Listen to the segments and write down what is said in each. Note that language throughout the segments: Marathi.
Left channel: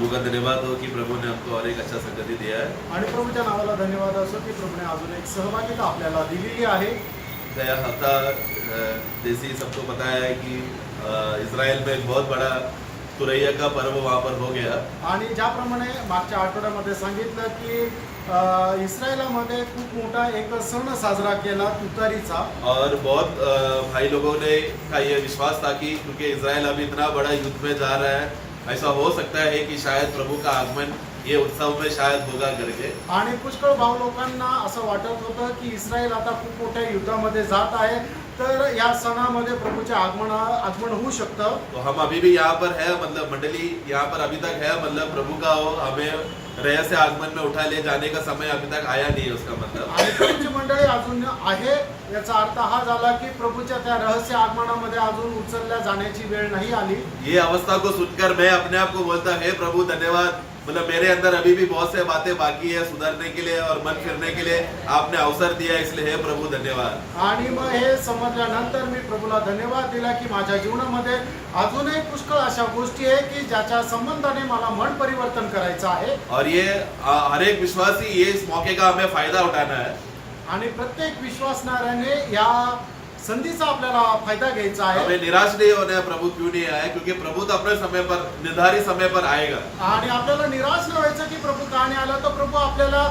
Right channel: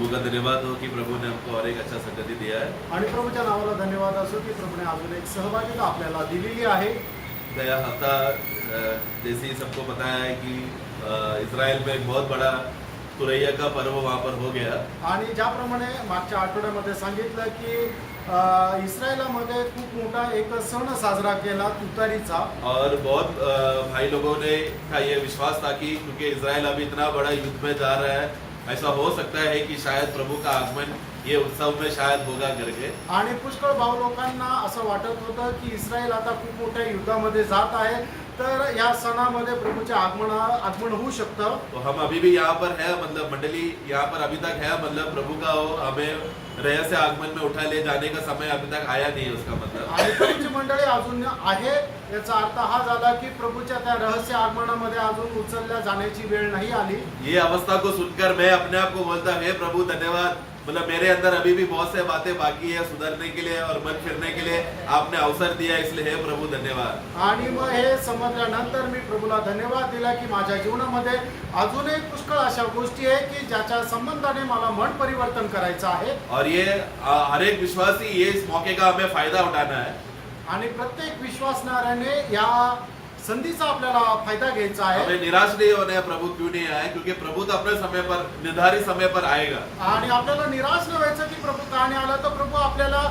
प्रभु का धन्यवाद हो की प्रभु ने हमको और एक अच्छा संगति दिया है। आणि प्रभूच्या नावाला धन्यवाद असो की प्रभूने अजून एक सहभागिता आपल्याला दिलेली आहे। गया हफ्ता जैसे ही सबको पता है कि इज़राइल में एक बहुत बड़ा तुरैया का पर्व वहाँ पर हो गया। आणि ज्याप्रमाणे मागच्या आठवड्यामध्ये सांगितलं की इस्रायलामध्ये खूप मोठा एक सण साजरा केला तुतारीचा। और बहुत भाई लोगों ने का ये विश्वास था कि क्योंकि इज़राइल अभी इतना बड़ा युद्ध में जा रहा है, ऐसा हो सकता है कि शायद प्रभु का आगमन ये उत्सव में शायद होगा करके। आणि पुष्कळ भाव लोकांना असं वाटत होतं की इस्रायल आता खूप मोठ्या युद्धामध्ये जात आहे, तर या सणामध्ये प्रभूचे आगमन होऊ शकतं। तो हम अभी भी यहाँ पर है, मतलब मंडली यहाँ पर अभी तक है, मतलब प्रभु का हो हमें रहस्य आगमन में उठा ले जाने का समय अभी तक आया नहीं है, उसका मतलब। आणि प्रभूची मंडळी अजून आहे, याचा अर्थ हा झाला की प्रभूच्या त्या रहस्य आगमनामध्ये अजून उचलल्या जाण्याची वेळ नाही आली। ये अवस्था को सुनकर मैं अपने आप को बोलता हे प्रभु धन्यवाद, मतलब मेरे अंदर अभी भी बहुत से बातें बाकी है सुधरने के लिए और मन फिरने के लिए आपने अवसर दिया, इसलिए हे प्रभु धन्यवाद। आणि मग हे समजल्यानंतर मी प्रभूला धन्यवाद दिला की माझ्या जीवनामध्ये अजूनही पुष्कळ अशा गोष्टी आहे की ज्याच्या संबंधाने मला मन परिवर्तन करायचं आहे। और ये हर एक विश्वासी ये इस मौके का हमें फायदा उठाना है। आणि प्रत्येक विश्वासणाऱ्याने या संधीचा आपल्याला फायदा घ्यायचा आहे। हमें निराश नहीं होना है प्रभु क्यों नहीं आए, क्योंकि प्रभु तो अपने समय पर निर्धारित समय पर आएगा। आणि आपल्याला निराश न व्हायचं की प्रभु का नाही आला, तर प्रभु आपल्याला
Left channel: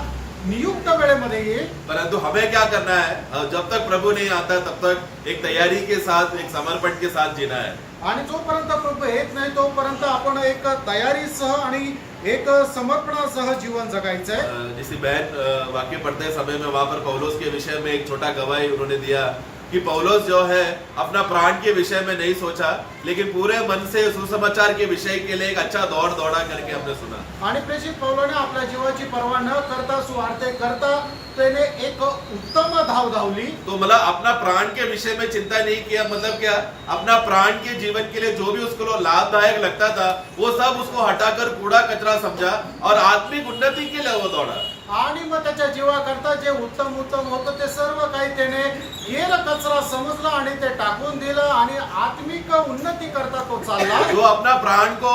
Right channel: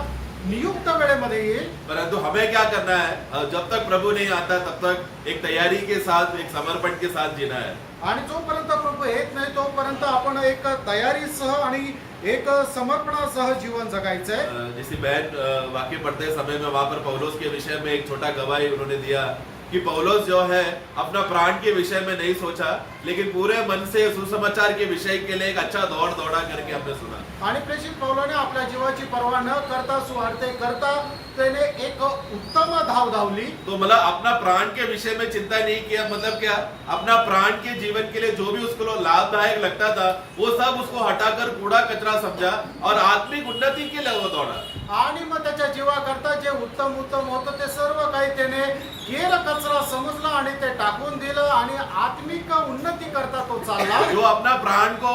नियुक्त वेळेमध्ये येईल। परंतु हमें क्या करना है, जब तक प्रभु नहीं आता तब तक एक तैयारी के साथ, एक समर्पण के साथ जीना है। आणि जोपर्यंत प्रभू येत नाही तोपर्यंत आपण एक तयारीसह आणि एक समर्पणासह जीवन जगायचं आहे। जैसे बहन वाक्य पढ़ते समय में वहां पर पौलुस के विषय में एक छोटा गवाही उन्होंने दिया कि पौलुस जो है अपना प्राण के विषय में नहीं सोचा, लेकिन पूरे मन से सुसमाचार के विषय के लिए एक अच्छा दौड़ दौड़ा करके हमने सुना। आणि प्रेषित पौलाने आपल्या जीवाची पर्वा न करता सुवार्ते करता त्याने एक उत्तम धाव धावली। तो मतलब अपना प्राण के विषय में चिंता नहीं किया, मतलब क्या, अपना प्राण के जीवन के लिए जो भी उसको लाभदायक लगता था वो सब उसको हटाकर कूड़ा कचरा समझा और आत्मिक उन्नति के लिए वो दौड़ा। आणि मग त्याच्या जीवाकरता जे उत्तम होतं ते सर्व काही त्याने केर कचरा समजला आणि ते टाकून दिलं आणि आत्मिक उन्नती करता तो चालला। जो अपना प्राण को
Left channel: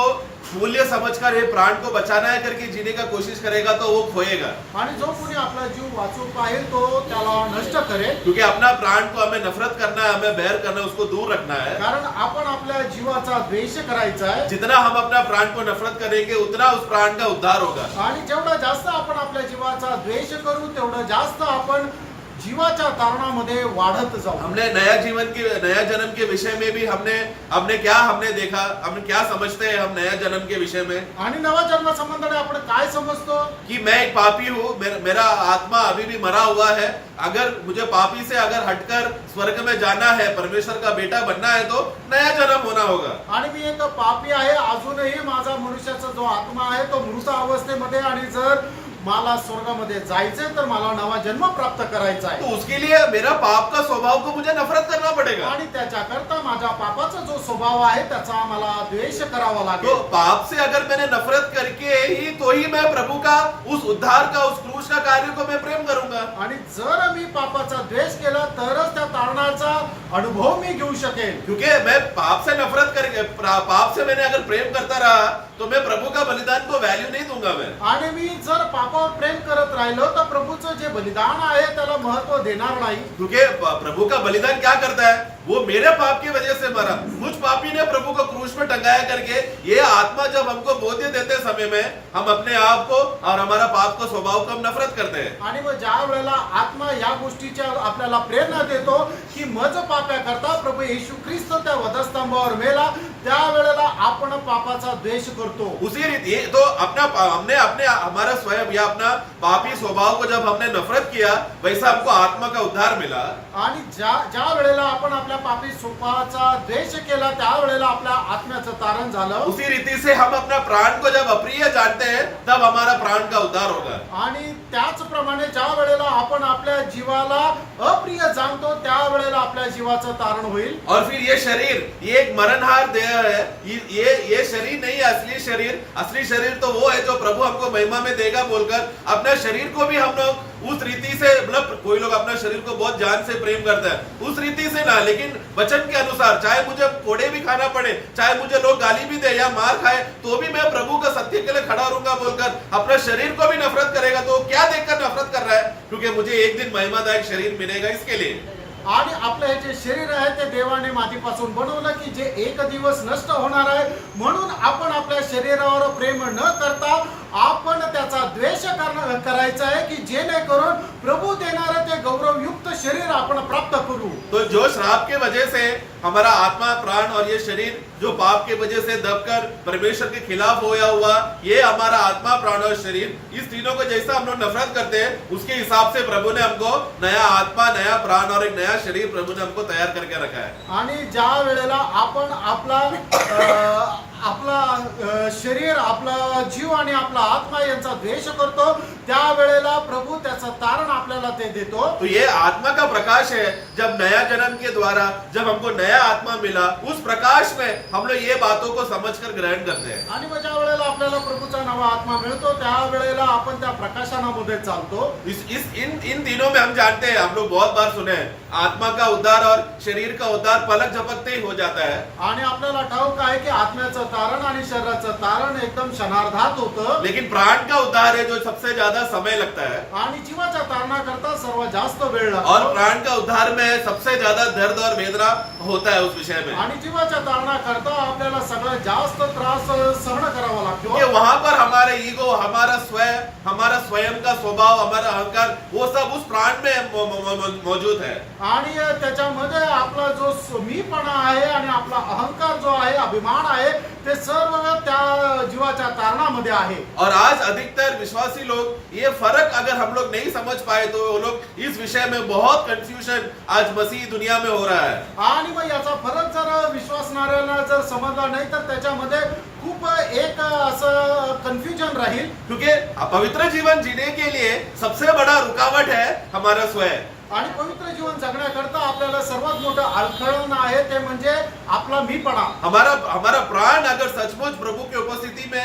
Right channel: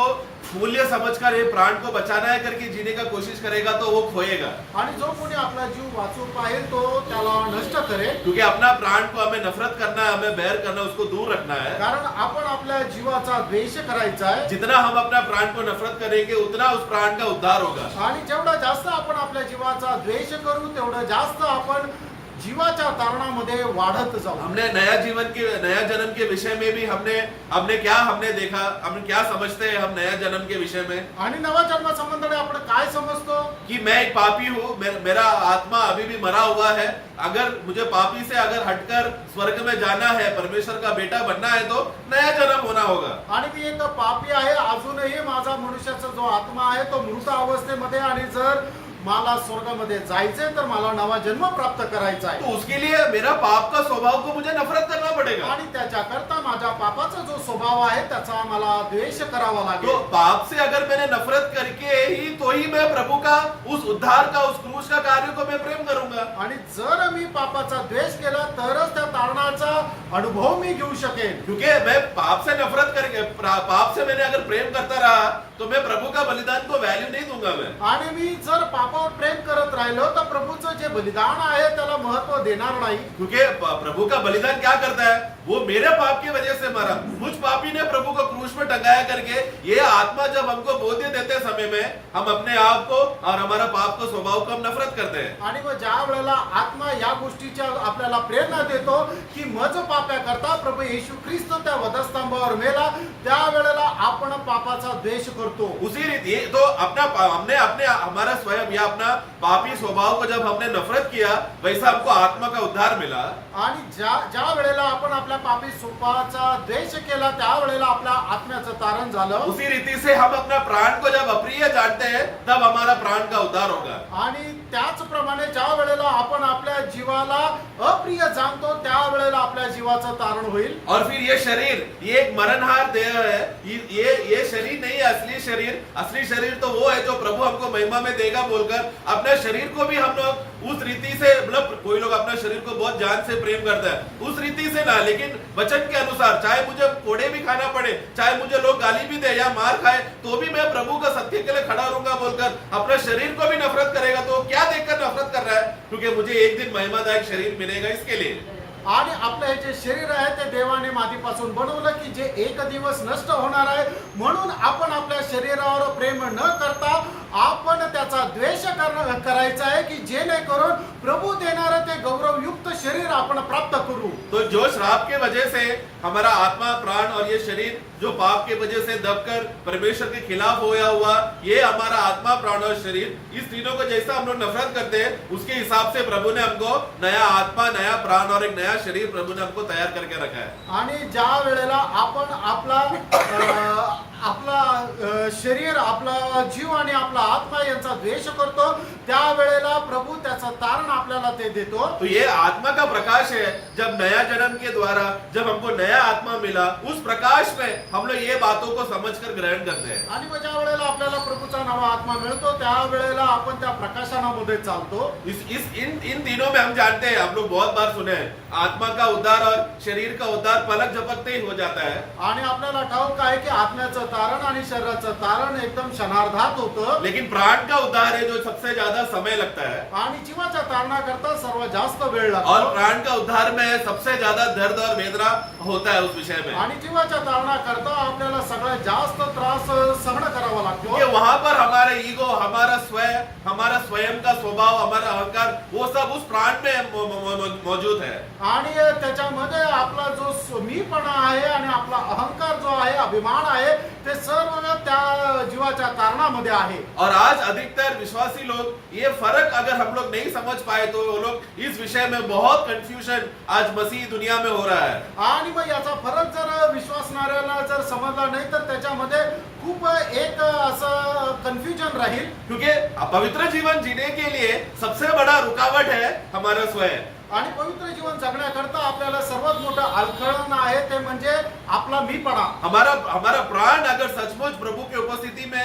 मूल्य समझकर ये प्राण को बचाना है करके जीने का कोशिश करेगा तो वो खोएगा। आणि जो कोणी आपला जीव वाचू पाहिल तो त्याला नष्ट करेल। क्योंकि अपना प्राण को हमें नफरत करना है, हमें बैर करना है, उसको दूर रखना है। कारण आपण आपल्या जीवाचा द्वेष करायचा आहे। जितना हम अपना प्राण को नफरत करेंगे उतना उस प्राण का उद्धार होगा। आणि जेवढा जास्त आपण आपल्या जीवाचा द्वेष करू तेवढं जास्त आपण जीवाच्या तारणामध्ये वाढत जाऊ। हमने नया जन्म के विषय में भी हमने देखा, हम क्या समझते हैं हम नया जन्म के विषय में। आणि नवा जन्म संबंधाने आपण काय समजतो कि मैं एक पापी हूँ, मेरा आत्मा अभी भी मरा हुआ है, अगर मुझे पापी से अगर हटकर स्वर्ग में जाना है, परमेश्वर का बेटा बनना है तो नया जन्म होना होगा। आणि मी एक पापी आहे, अजूनही माझा मनुष्याचा जो आत्मा आहे तो मृत अवस्थेमध्ये, आणि जर मला स्वर्गामध्ये जायचंय तर मला नवा जन्म प्राप्त करायचा आहे। तो उसके लिए मेरा पाप का स्वभाव को मुझे नफरत करना पड़ेगा। आणि त्याच्याकरता माझा पापाचा जो स्वभाव आहे त्याचा मला द्वेष करावा लागेल। तो पाप से अगर मैंने नफरत करके ही तो ही मैं प्रभु का उस उद्धार का, उस क्रूस का कार्य को मैं प्रेम करूंगा। आणि जर मी पापाचा द्वेष केला तरच त्या तारणाचा अनुभव मी घेऊ शकेन। क्योंकि मैं पाप से नफरत करके, पाप से मैंने अगर प्रेम करता रहा तो मैं प्रभु का बलिदान को वैल्यू नहीं दूंगा मैं। आणि मी जर पापावर प्रेम करत राहिलो तर प्रभूचं जे बलिदान आहे त्याला महत्व देणार नाही। क्योंकि प्रभु का बलिदान क्या करता है, वो मेरे पाप की वजह से मरा, मुझ पापी ने प्रभु को क्रूस में टंगाया करके। ये आत्मा जब हमको बोध्य देते समय में हम अपने आप को और हमारा पाप का स्वभाव को हम नफरत करते हैं। आणि मग ज्या वेळेला आत्मा या गोष्टीच्या आपल्याला प्रेरणा देतो की मज पाप्या करता प्रभू येशू ख्रिस्त त्या वधस्तंभावर मेला, त्या वेळेला आपण पापाचा द्वेष करतो। उसी रीति तो हमने हमारा स्वयं या अपना पापी स्वभाव को जब हमने नफरत किया, वैसा हमको आत्मा का उद्धार मिला। आणि ज्या वेळेला आपण आपल्या पापी स्वभावाचा द्वेष केला त्या वेळेला आपल्या आत्म्याचं तारण झालं। उसी रीति से हम अपना प्राण को जब अप्रिय जानते हैं तब हमारा प्राण का उद्धार होगा। आणि त्याचप्रमाणे ज्या वेळेला आपण आपल्या जीवाला अप्रिय जाणतो त्या वेळेला आपल्या जीवाचं तारण होईल। और फिर ये शरीर, ये एक मरणहार देह है, ये शरीर नहीं है असली शरीर तो वो है जो प्रभु हमको महिमा में देगा बोलकर अपने शरीर को भी हम लोग उस रीति से, मतलब कोई लोग अपना शरीर को बहुत जान से प्रेम करता है, उस रीति से ना, लेकिन लेकिन वचन के अनुसार, चाहे मुझे कोड़े भी खाना पड़े, चाहे मुझे लोग गाली भी दे या मार खाए, तो भी मैं प्रभु का सत्य के लिए खड़ा रहूंगा बोलकर अपने शरीर को भी नफरत करेगा, तो क्या देखकर नफरत कर रहा है? क्योंकि मुझे एक दिन महिमादायक शरीर मिलेगा इसके लिए। आणि आपलं हे जे शरीर आहे ते देवाने मातीपासून बनवलं की जे एक दिवस नष्ट होणार आहे, म्हणून आपण आपल्या शरीरावर प्रेम न करता आपण त्याचा द्वेष करायचा आहे की जेणेकरून प्रभु देणारं ते गौरवयुक्त शरीर आपण प्राप्त करू। तो जो श्राप के वजह से हमारा आत्मा, प्राण और ये शरीर जो पाप के वजह से दबकर परमेश्वर के खिलाफ होया हुआ, ये हमारा आत्मा, प्राण और शरीर, इस तीनों को जैसा हम लोग नफरत करते हैं, उसके हिसाब से प्रभु ने हमको नया आत्मा, नया प्राण और एक नया शरीर प्रभु ने हमको तैयार करके रखा है। आणि ज्या वेळेला आपण आपला शरीर, आपला जीव आणि आपला आत्मा यांचा द्वेष करतो, त्यावेळेला प्रभु त्याचं तारण आपल्याला ते देतो। तो ये आत्मा का प्रकाश है। जब नया जन्म के द्वारा जब हमको नया आत्मा मिला, उस प्रकाश में हम लोग ये बातों को समझकर ग्रहण करते हैं। आणि मग ज्या वेळेला आपल्याला प्रभूचा नवा आत्मा मिळतो, त्यावेळेला आपण त्या प्रकाशनामध्ये चालतो। इन दिनों में हम जानते हैं, हम लोग बहुत बार सुने हैं, आत्मा का उद्धार और शरीर का उद्धार पलक झपकते ही हो जाता है। आणि आपल्याला ठाऊक आहे की आत्म्याचं तारण आणि शरीराचं तारण एकदम क्षणार्धात होतं, लेकिन प्राण का उद्धार है जो सबसे ज्यादा समय लगता है। आणि जीवाच्या तारणाकरता सर्वात जास्त वेळ लागतो। और प्राण का उद्धार में सबसे ज्यादा दर्द और वेदना होता है उस विषय में। आणि जीवाच्या तारणाकरता आपल्याला सगळ्यात जास्त त्रास सहन करावा लागतो। ये वहां पर हमारा ईगो, हमारा स्वयं का स्वभाव, हमारा अहंकार, वो सब उस प्राण में मौजूद है। आणि त्याच्यामध्ये आपला जो मीपणा आहे आणि आपला अहंकार जो आहे, अभिमान आहे, ते सर्व त्या जीवाच्या तारणामध्ये आहे। और आज अधिकतर विश्वासी लोग ये फर्क अगर हम लोग नहीं समझ पाए, तो वो लोग इस विषय में बहुत कंफ्यूजन आज मसीह दुनिया में हो रहा है। आणि मग याचा फरक जर विश्वासणाऱ्याला जर समजला नाही, तर त्याच्यामध्ये खूप एक असं कन्फ्युजन राहील। क्योंकि पवित्र जीवन जीने के लिए सबसे बड़ा रुकावट है हमारा स्वयं। आणि पवित्र जीवन जगण्याकरता आपल्याला सर्वात मोठं अडखळण आहे ते म्हणजे आपला मीपणा। हमारा प्राण अगर सचमुच प्रभु की उपस्थिति में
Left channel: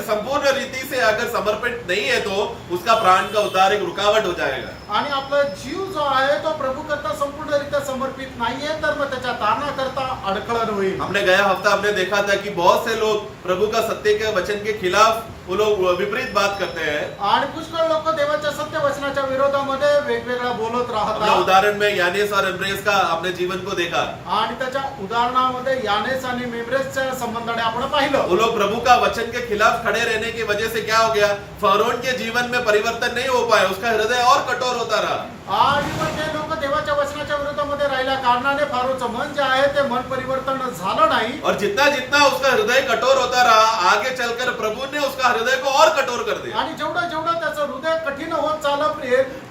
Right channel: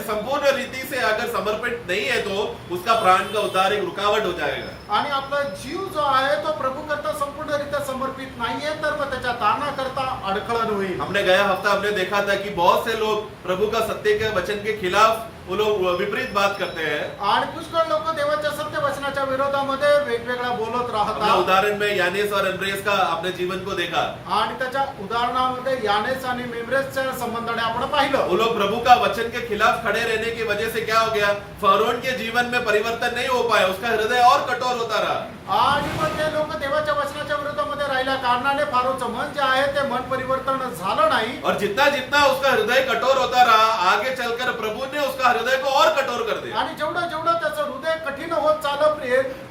संपूर्ण रीति से अगर समर्पित नहीं है, तो उसका प्राण का उद्धार एक रुकावट हो जाएगा। आणि आपला जीव जो आहे तो प्रभु करता संपूर्णरित्या समर्पित नाहीये, तर मग त्याच्या तारणाकरता अडखळण होईल। हमने गया हफ्ता हमने देखा था कि बहुत से लोग प्रभु का सत्य के वचन के खिलाफ वो लोग विपरीत बात करते हैं। आणि पुष्कळ लोक देवाच्या सत्य वचनाच्या विरोधामध्ये वेगवेगळा बोलत अपने राहतात। उदाहरण में यानेस और एम्ब्रेस का अपने जीवन को देखा। आणि त्याच्या उदाहरणामध्ये यानेस आणि मेम्ब्रेसच्या संबंधाने आपण पाहिलं। वो लोग प्रभु का वचन के खिलाफ खड़े रहने की वजह से क्या हो गया, फरोन के जीवन में परिवर्तन नहीं हो पाया, उसका हृदय और कठोर होता रहा। आणि मग ते लोक देवाच्या वचनाच्या विरोधामध्ये राहिल्या कारणाने फारोचं मन जे आहे ते मन परिवर्तन झालं नाही। और जितना जितना उसका हृदय कठोर होता रहा, आगे चलकर प्रभु ने उसका हृदय को और कठोर कर दिया। आणि जेवढं जेवढं त्याचं हृदय कठीण होत चाललं,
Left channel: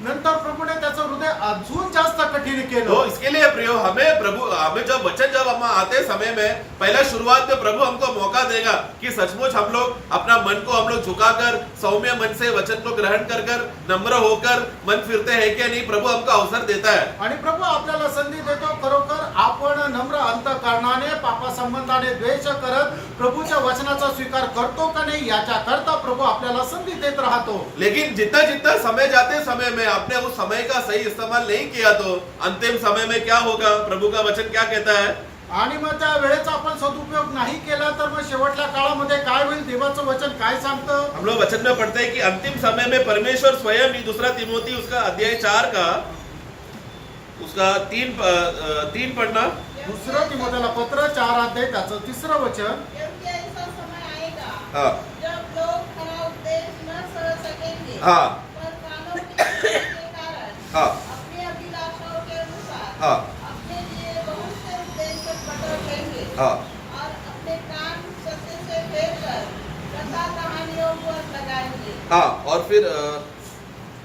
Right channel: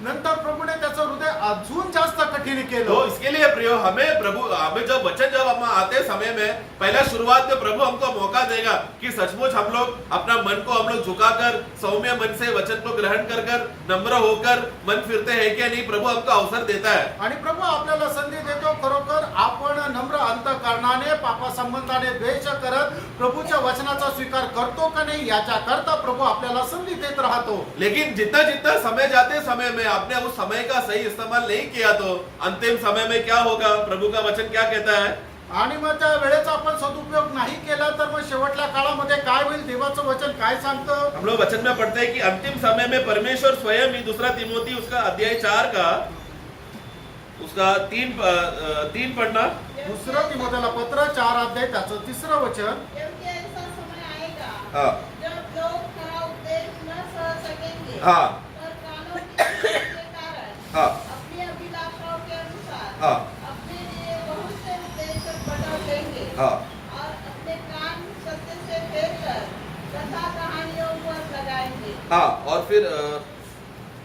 नंतर प्रभूने त्याचं हृदय अजून जास्त कठीण तो केलं। इसके लिए प्रियो, हमें जब हम आते समय में पहला शुरुआत में प्रभु हमको मौका देगा कि सचमुच हम लोग अपना मन को हम लोग झुकाकर सौम्य मन से वचन को ग्रहण कर नम्र होकर मन फिरते हैं कि नहीं, प्रभु हमको अवसर देता है। आणि प्रभू आपल्याला संधी देतो, खरोखर आपण नम्र अंतःकरणाने पापा संबंधाने द्वेष करत प्रभूच्या वचनाचा स्वीकार करतो का नाही, याच्या करता प्रभू आपल्याला संधी देत राहतो। लेकिन जितना जितना समय जाते समय में आपने उस समय का सही इस्तेमाल नहीं किया, तो अंतिम समय में क्या होगा, प्रभु का वचन क्या कहता है? आणि मग त्या वेळेचा आपण सदुपयोग नाही केला तर मग शेवटच्या काळामध्ये काय होईल, देवाचं वचन काय सांगतं? हम लोग वचन में पढ़ते हैं कि अंतिम समय में परमेश्वर स्वयं ही, दूसरा तिमोथी उसका अध्याय 4 का उसका 3 पढ़ना। दुसरं तिमोथेला पत्र 4 अध्याय त्याचं 3रं वचन। क्योंकि ऐसा समय आएगा हाँ जब लोग खरा उपदेश न सह सकेंगे, हाँ पर कानों की इच्छा के कारण हाँ अपनी अभिलाषाओं के अनुसार हाँ अपने लिए बहुत से उपदेशक बटोर लेंगे हाँ और अपने कान सत्य से फेर कर कथा कहानियों पर लगाएंगे। हाँ। और फिर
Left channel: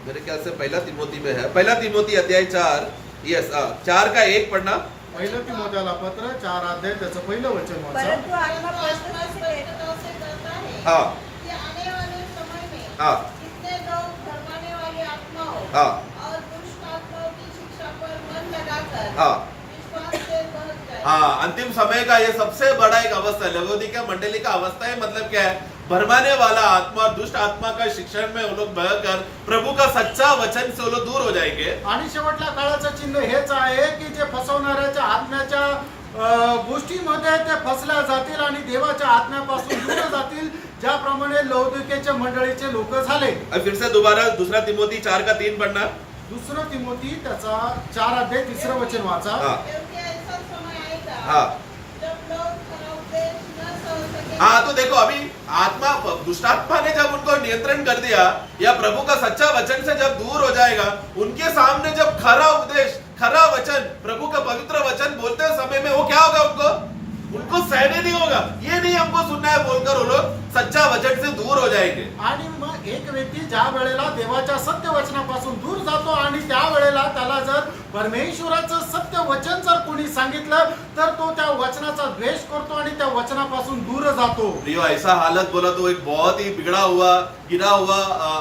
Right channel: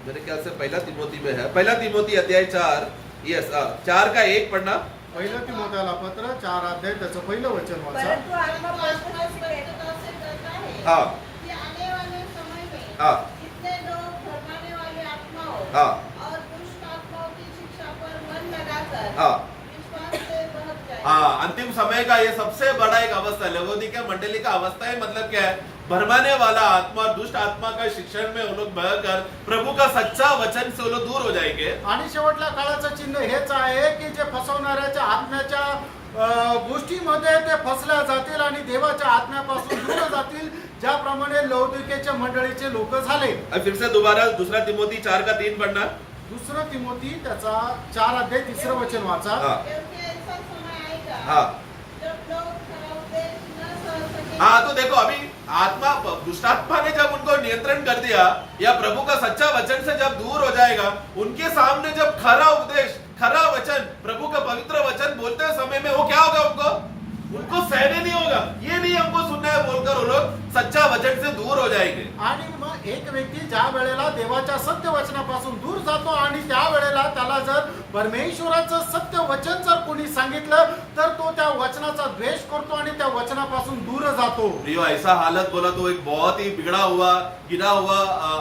मेरे ख्याल से पहला तिमोथी में है, पहला तिमोथी अध्याय 4, यस 4 का 1 पढ़ना। पहिलं तिमोथेला पत्र 4 अध्याय त्याचं पहिलं वचन वाचा। परंतु आत्मा स्पष्टता से कहता है हाँ कि आने वाले समय में हाँ कितने लोग भरमाने वाली आत्माओं हाँ और दुष्ट आत्माओं की शिक्षा पर मन लगाकर हाँ विश्वास से बहक जाए। हाँ। अंतिम समय का ये सबसे बड़ा एक अवस्था है, लवोदिकिया मंडली का अवस्था है। मतलब क्या है, भरमाने वाला आत्मा, दुष्ट आत्मा का शिक्षण में वो लोग बहकर प्रभु का सच्चा वचन से वो लोग दूर हो जाएंगे। आणि शेवटल्या काळाचं चिन्ह हेच आहे की जे फसवणाऱ्याच्या आत्म्याच्या गोष्टीमध्ये ते फसल्या जातील आणि देवाच्या आत्म्यापासून दूर जातील, ज्याप्रमाणे लौकिकेच्या मंडळीचे लोक झाले. अब फिर से दोबारा दूसरा तिमोथी 4:3 पढ़ना। दुसरं तिमोथी त्याचा 4:3 वचन वाचा. हाँ क्योंकि ऐसा समय आएगा हाँ जब लोग खरा उपदेश न समझ सकेंगे। हाँ, तो देखो अभी आत्मा, दुष्टात्मा ने जब उनको नियंत्रण कर दिया या प्रभु का सच्चा वचन से जब दूर हो जाएगा, उनके सामने जब खरा उपदेश, खरा वचन, प्रभु का पवित्र वचन बोलते समय में वो क्या होगा, उनको सहने नहीं होगा, ये नहीं हमको सुनना है बोलकर वो लोग सच्चा वचन से दूर हो जाएंगे। आणि मग एक व्यक्ती ज्या वेळेला देवाच्या सत्य वचनापासून दूर जातो आणि त्या वेळेला त्याला जर परमेश्वराचं सत्य वचन जर कोणी सांगितलं तर तो त्या वचनाचा द्वेष करतो आणि त्या वचनापासून दूर जातो. प्रियो, ऐसा हालत बोला तो एक बहुत ही बिगड़ा हुआ, गिरा हुआ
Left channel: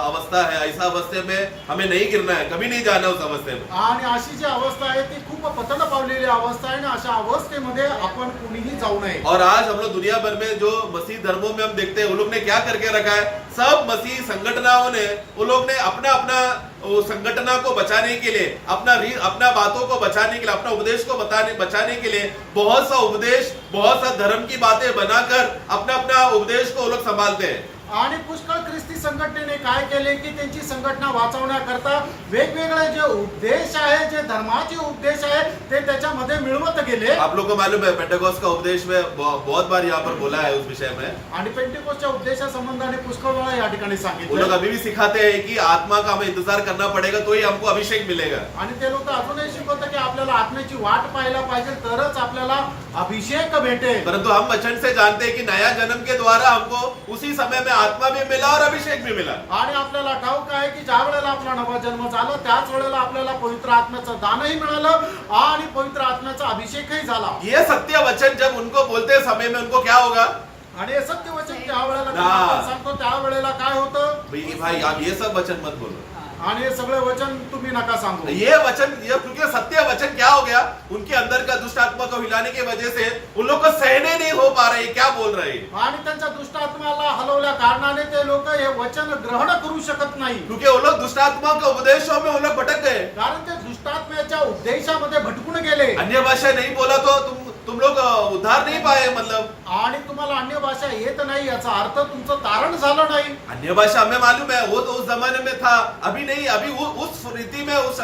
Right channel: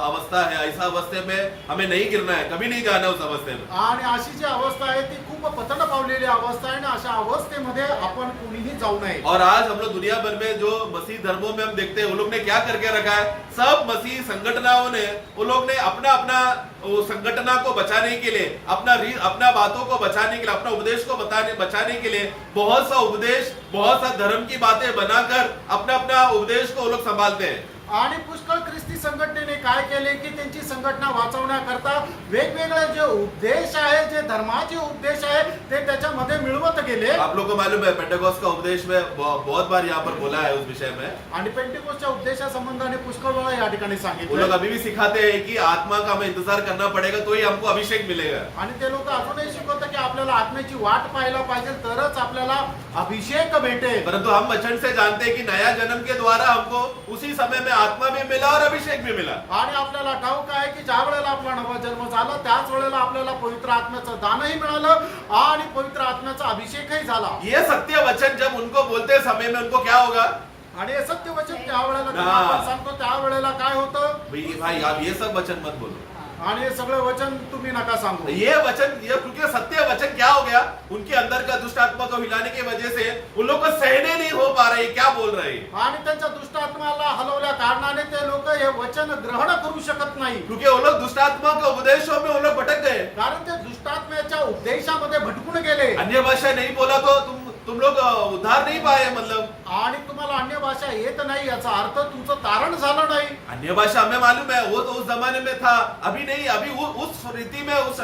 अवस्था है। ऐसा अवस्थे में हमें नहीं गिरना है, कभी नहीं जाना उस अवस्थे में। आणि अशी जी अवस्था आहे ती खूप पतन पावलेली अवस्था आहे आणि अशा अवस्थेमध्ये आपण कोणीही जाऊ नये. और आज हम लोग दुनिया भर में जो मसीह धर्मों में हम देखते हैं, वो लोग ने क्या करके रखा है, सब मसीह संगठनाओं ने, वो लोग ने अपना अपना संगठना को बचाने के लिए, अपना बातों को बचाने के लिए, अपना उपदेश को बचाने के लिए बहुत सा उपदेश, बहुत सा धर्म की बातें बनाकर अपना अपना उपदेश को वो लोग संभालते हैं। आणि पुष्कळ ख्रिस्ती संघटनेने काय केले की त्यांची संघटना वाचवण्याकरता वेगवेगळे जे उपदेश आहे, जे धर्माचे उपदेश आहे ते त्याच्यामध्ये मिळवत गेले. आप लोग को मालूम है पेंटेकोस्ट का उपदेश में बहुत बार यहाँ पर बोला है उस विषय में। आणि पेंटेकोस्टच्या उपदेशा संबंधाने पुष्कळ वेळा या ठिकाणी वो लोग सांगितलं. अभी भी सिखाते हैं कि आत्मा का हमें इंतजार करना पड़ेगा तो ही हमको अभिषेक मिलेगा। आणि ते लोक अजूनही शिकवतात की आपल्याला आत्म्याची वाट पाहायला पाहिजे तरच आपल्याला अभिषेक भेटेल. परंतु हम वचन से जानते हैं कि नया जन्म के द्वारा हमको उसी समय में आत्मा भी मिला और अभिषेक भी मिला। आणि आपल्याला ठाऊक आहे की ज्या वेळेला आपला नवा जन्म झाला त्याच वेळेला आपल्याला पवित्र आत्म्याचं दानही मिळालं आणि पवित्र आत्म्याचा अभिषेकही झाला. ये सत्य वचन जब उनको बोलते समय में उनको क्या होगा, आणि हे सत्य वचन त्या वेळेला ना. जेव्हा आपण सांगतो त्या वेळेला काय होतं, भाई आप ये सब वचन मत बोलो। आणि हे सगळे वचन तुम्ही नका सांगू. ये वचन, ये क्योंकि सत्य वचन क्या हो गया, उनके अंदर का दुष्ट आत्मा को हिलाने की वजह से उन लोग को सहने नहीं हो पा रहे, क्या बोल रहे हैं, आणि त्यांच्या दुष्ट आत्म्याला हलवल्या कारणाने ते लोक हे वचन ग्रहण करू शकत नाही. क्योंकि वो लोग दुष्ट आत्मा के उपदेशों में वो लोग भटक गए। कारण ते दुष्टात्म्याच्या उपदेशामध्ये भटकून गेले. अन्य भाषा नहीं बोला तो तुम लोग उद्धार नहीं पाए, मतलब आणि तुम्हाला अन्य भाषा येत नाही याचा अर्थ तुमचं तारण झालं नाही. अन्य भाषा हमें मालूम है, वो तो उस जमाने में था, अभी नहीं, अभी उस रीति में, उस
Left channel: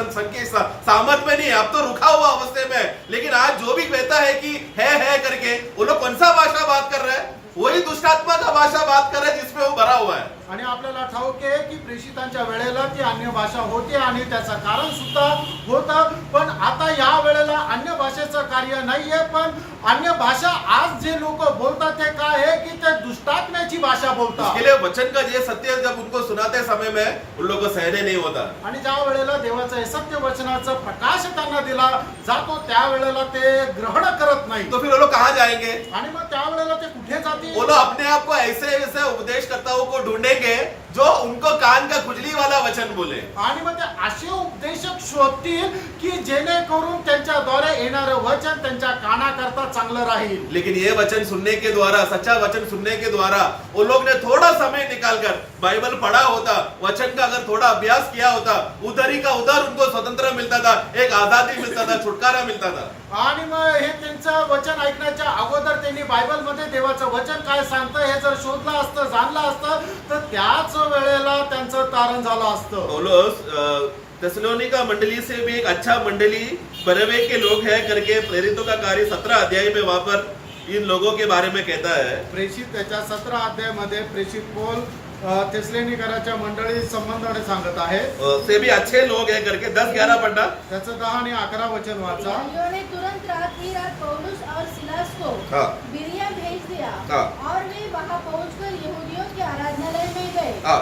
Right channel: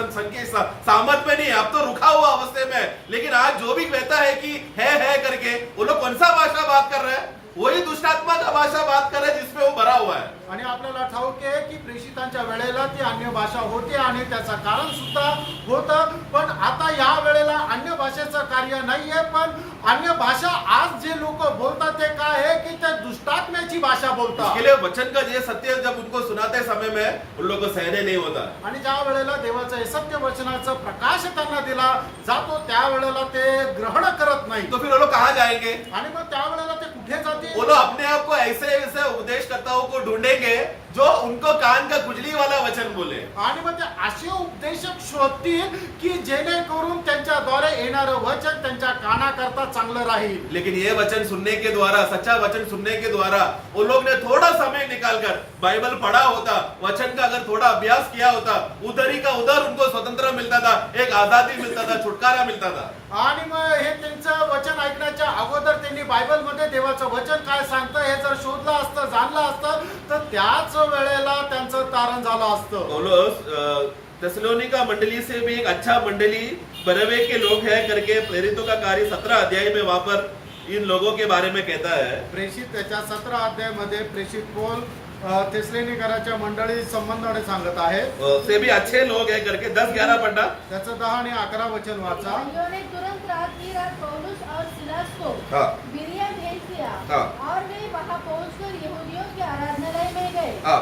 सामर्थ में नहीं, अब तो रुका हुआ अवस्थे में है। लेकिन आज जो भी कहता है कि है करके, वो लोग कौन सा भाषा बात कर रहे हैं, वही दुष्टात्मा का भाषा बात कर रहे हैं जिसमें वो भरा हुआ है। आणि आपल्याला ठाऊक आहे की प्रेषितांच्या वेळेला ती अन्य भाषा होती आणि त्याचं कारण सुद्धा होतं, पण आता या वेळेला अन्य भाषेचं कार्य नाहीये, पण अन्य भाषा आज जे लोक बोलतात ते काय आहे की ते दुष्टात्म्याची भाषा बोलतात. इसके लिए वचन का ये सत्य जब उनको सुनाते समय में उन लोगों को सहने नहीं होता। आणि ज्या वेळेला देवाचं हे सत्य वचनाचं प्रकाश त्यांना दिला जातो त्या वेळेला ते ग्रहण करत नाही. तो फिर वो लोग कहाँ जाएंगे, आणि मग त्या वेळेला ते कुठे जातील? वो लोग अपने आप को ऐसे उपदेशकर्ताओं को ढूंढेंगे जो उनको कान का खुजली वाला वचन बोले। आणि मग ते असे उपदेशक शोधतील की जेणेकरून त्यांच्याद्वारे येणारं वचन त्यांच्या कानाकरता चांगलं राहील. लेकिन ये वचन सुनने के द्वारा, सच्चा वचन सुनने के द्वारा वो लोग ने थोड़ा समय निकालकर बाइबल पढ़ा होता, वचन का अगर थोड़ा अभ्यास किया होता, उधर ही का उधर उनको स्वतंत्र मिलता था, एक आजादी मिलता था, छुटकारा मिलता था। आणि मग हे त्यांचं वचन ऐकण्याच्या अगोदर त्यांनी बायबल मध्ये देवाचं वचन काय सांगतं हे जर शोधलं असतं, जाणलं असतं, तर त्याच वेळेला त्यांचं तारण झालं असतं. पौलुस थिस्सलुनीका मंडली से भी एक अच्छा मंडली बरनबे के लोग हैं करके प्रेरितों का कार्य 17 अध्याय में वहां पर इन लोगों के बारे में कहता है। प्रेषित त्याच्या 17 अध्यायामध्ये प्रेषित पौल थिस्सलुनीकराच्या मंडळी संबंधाने सांगत आहे. से भी अच्छे लोग हैं करके 10-11 पढ़ना। त्याचं 10 आणि 11 वचन वाचा. उन्होंने तुरंत रात की रात पौलुस और सिलास को हाँ। बिरिया भेज दिया हाँ। और वे वहां पहुंचकर यहूदियों के आराधनालय में गए। हाँ।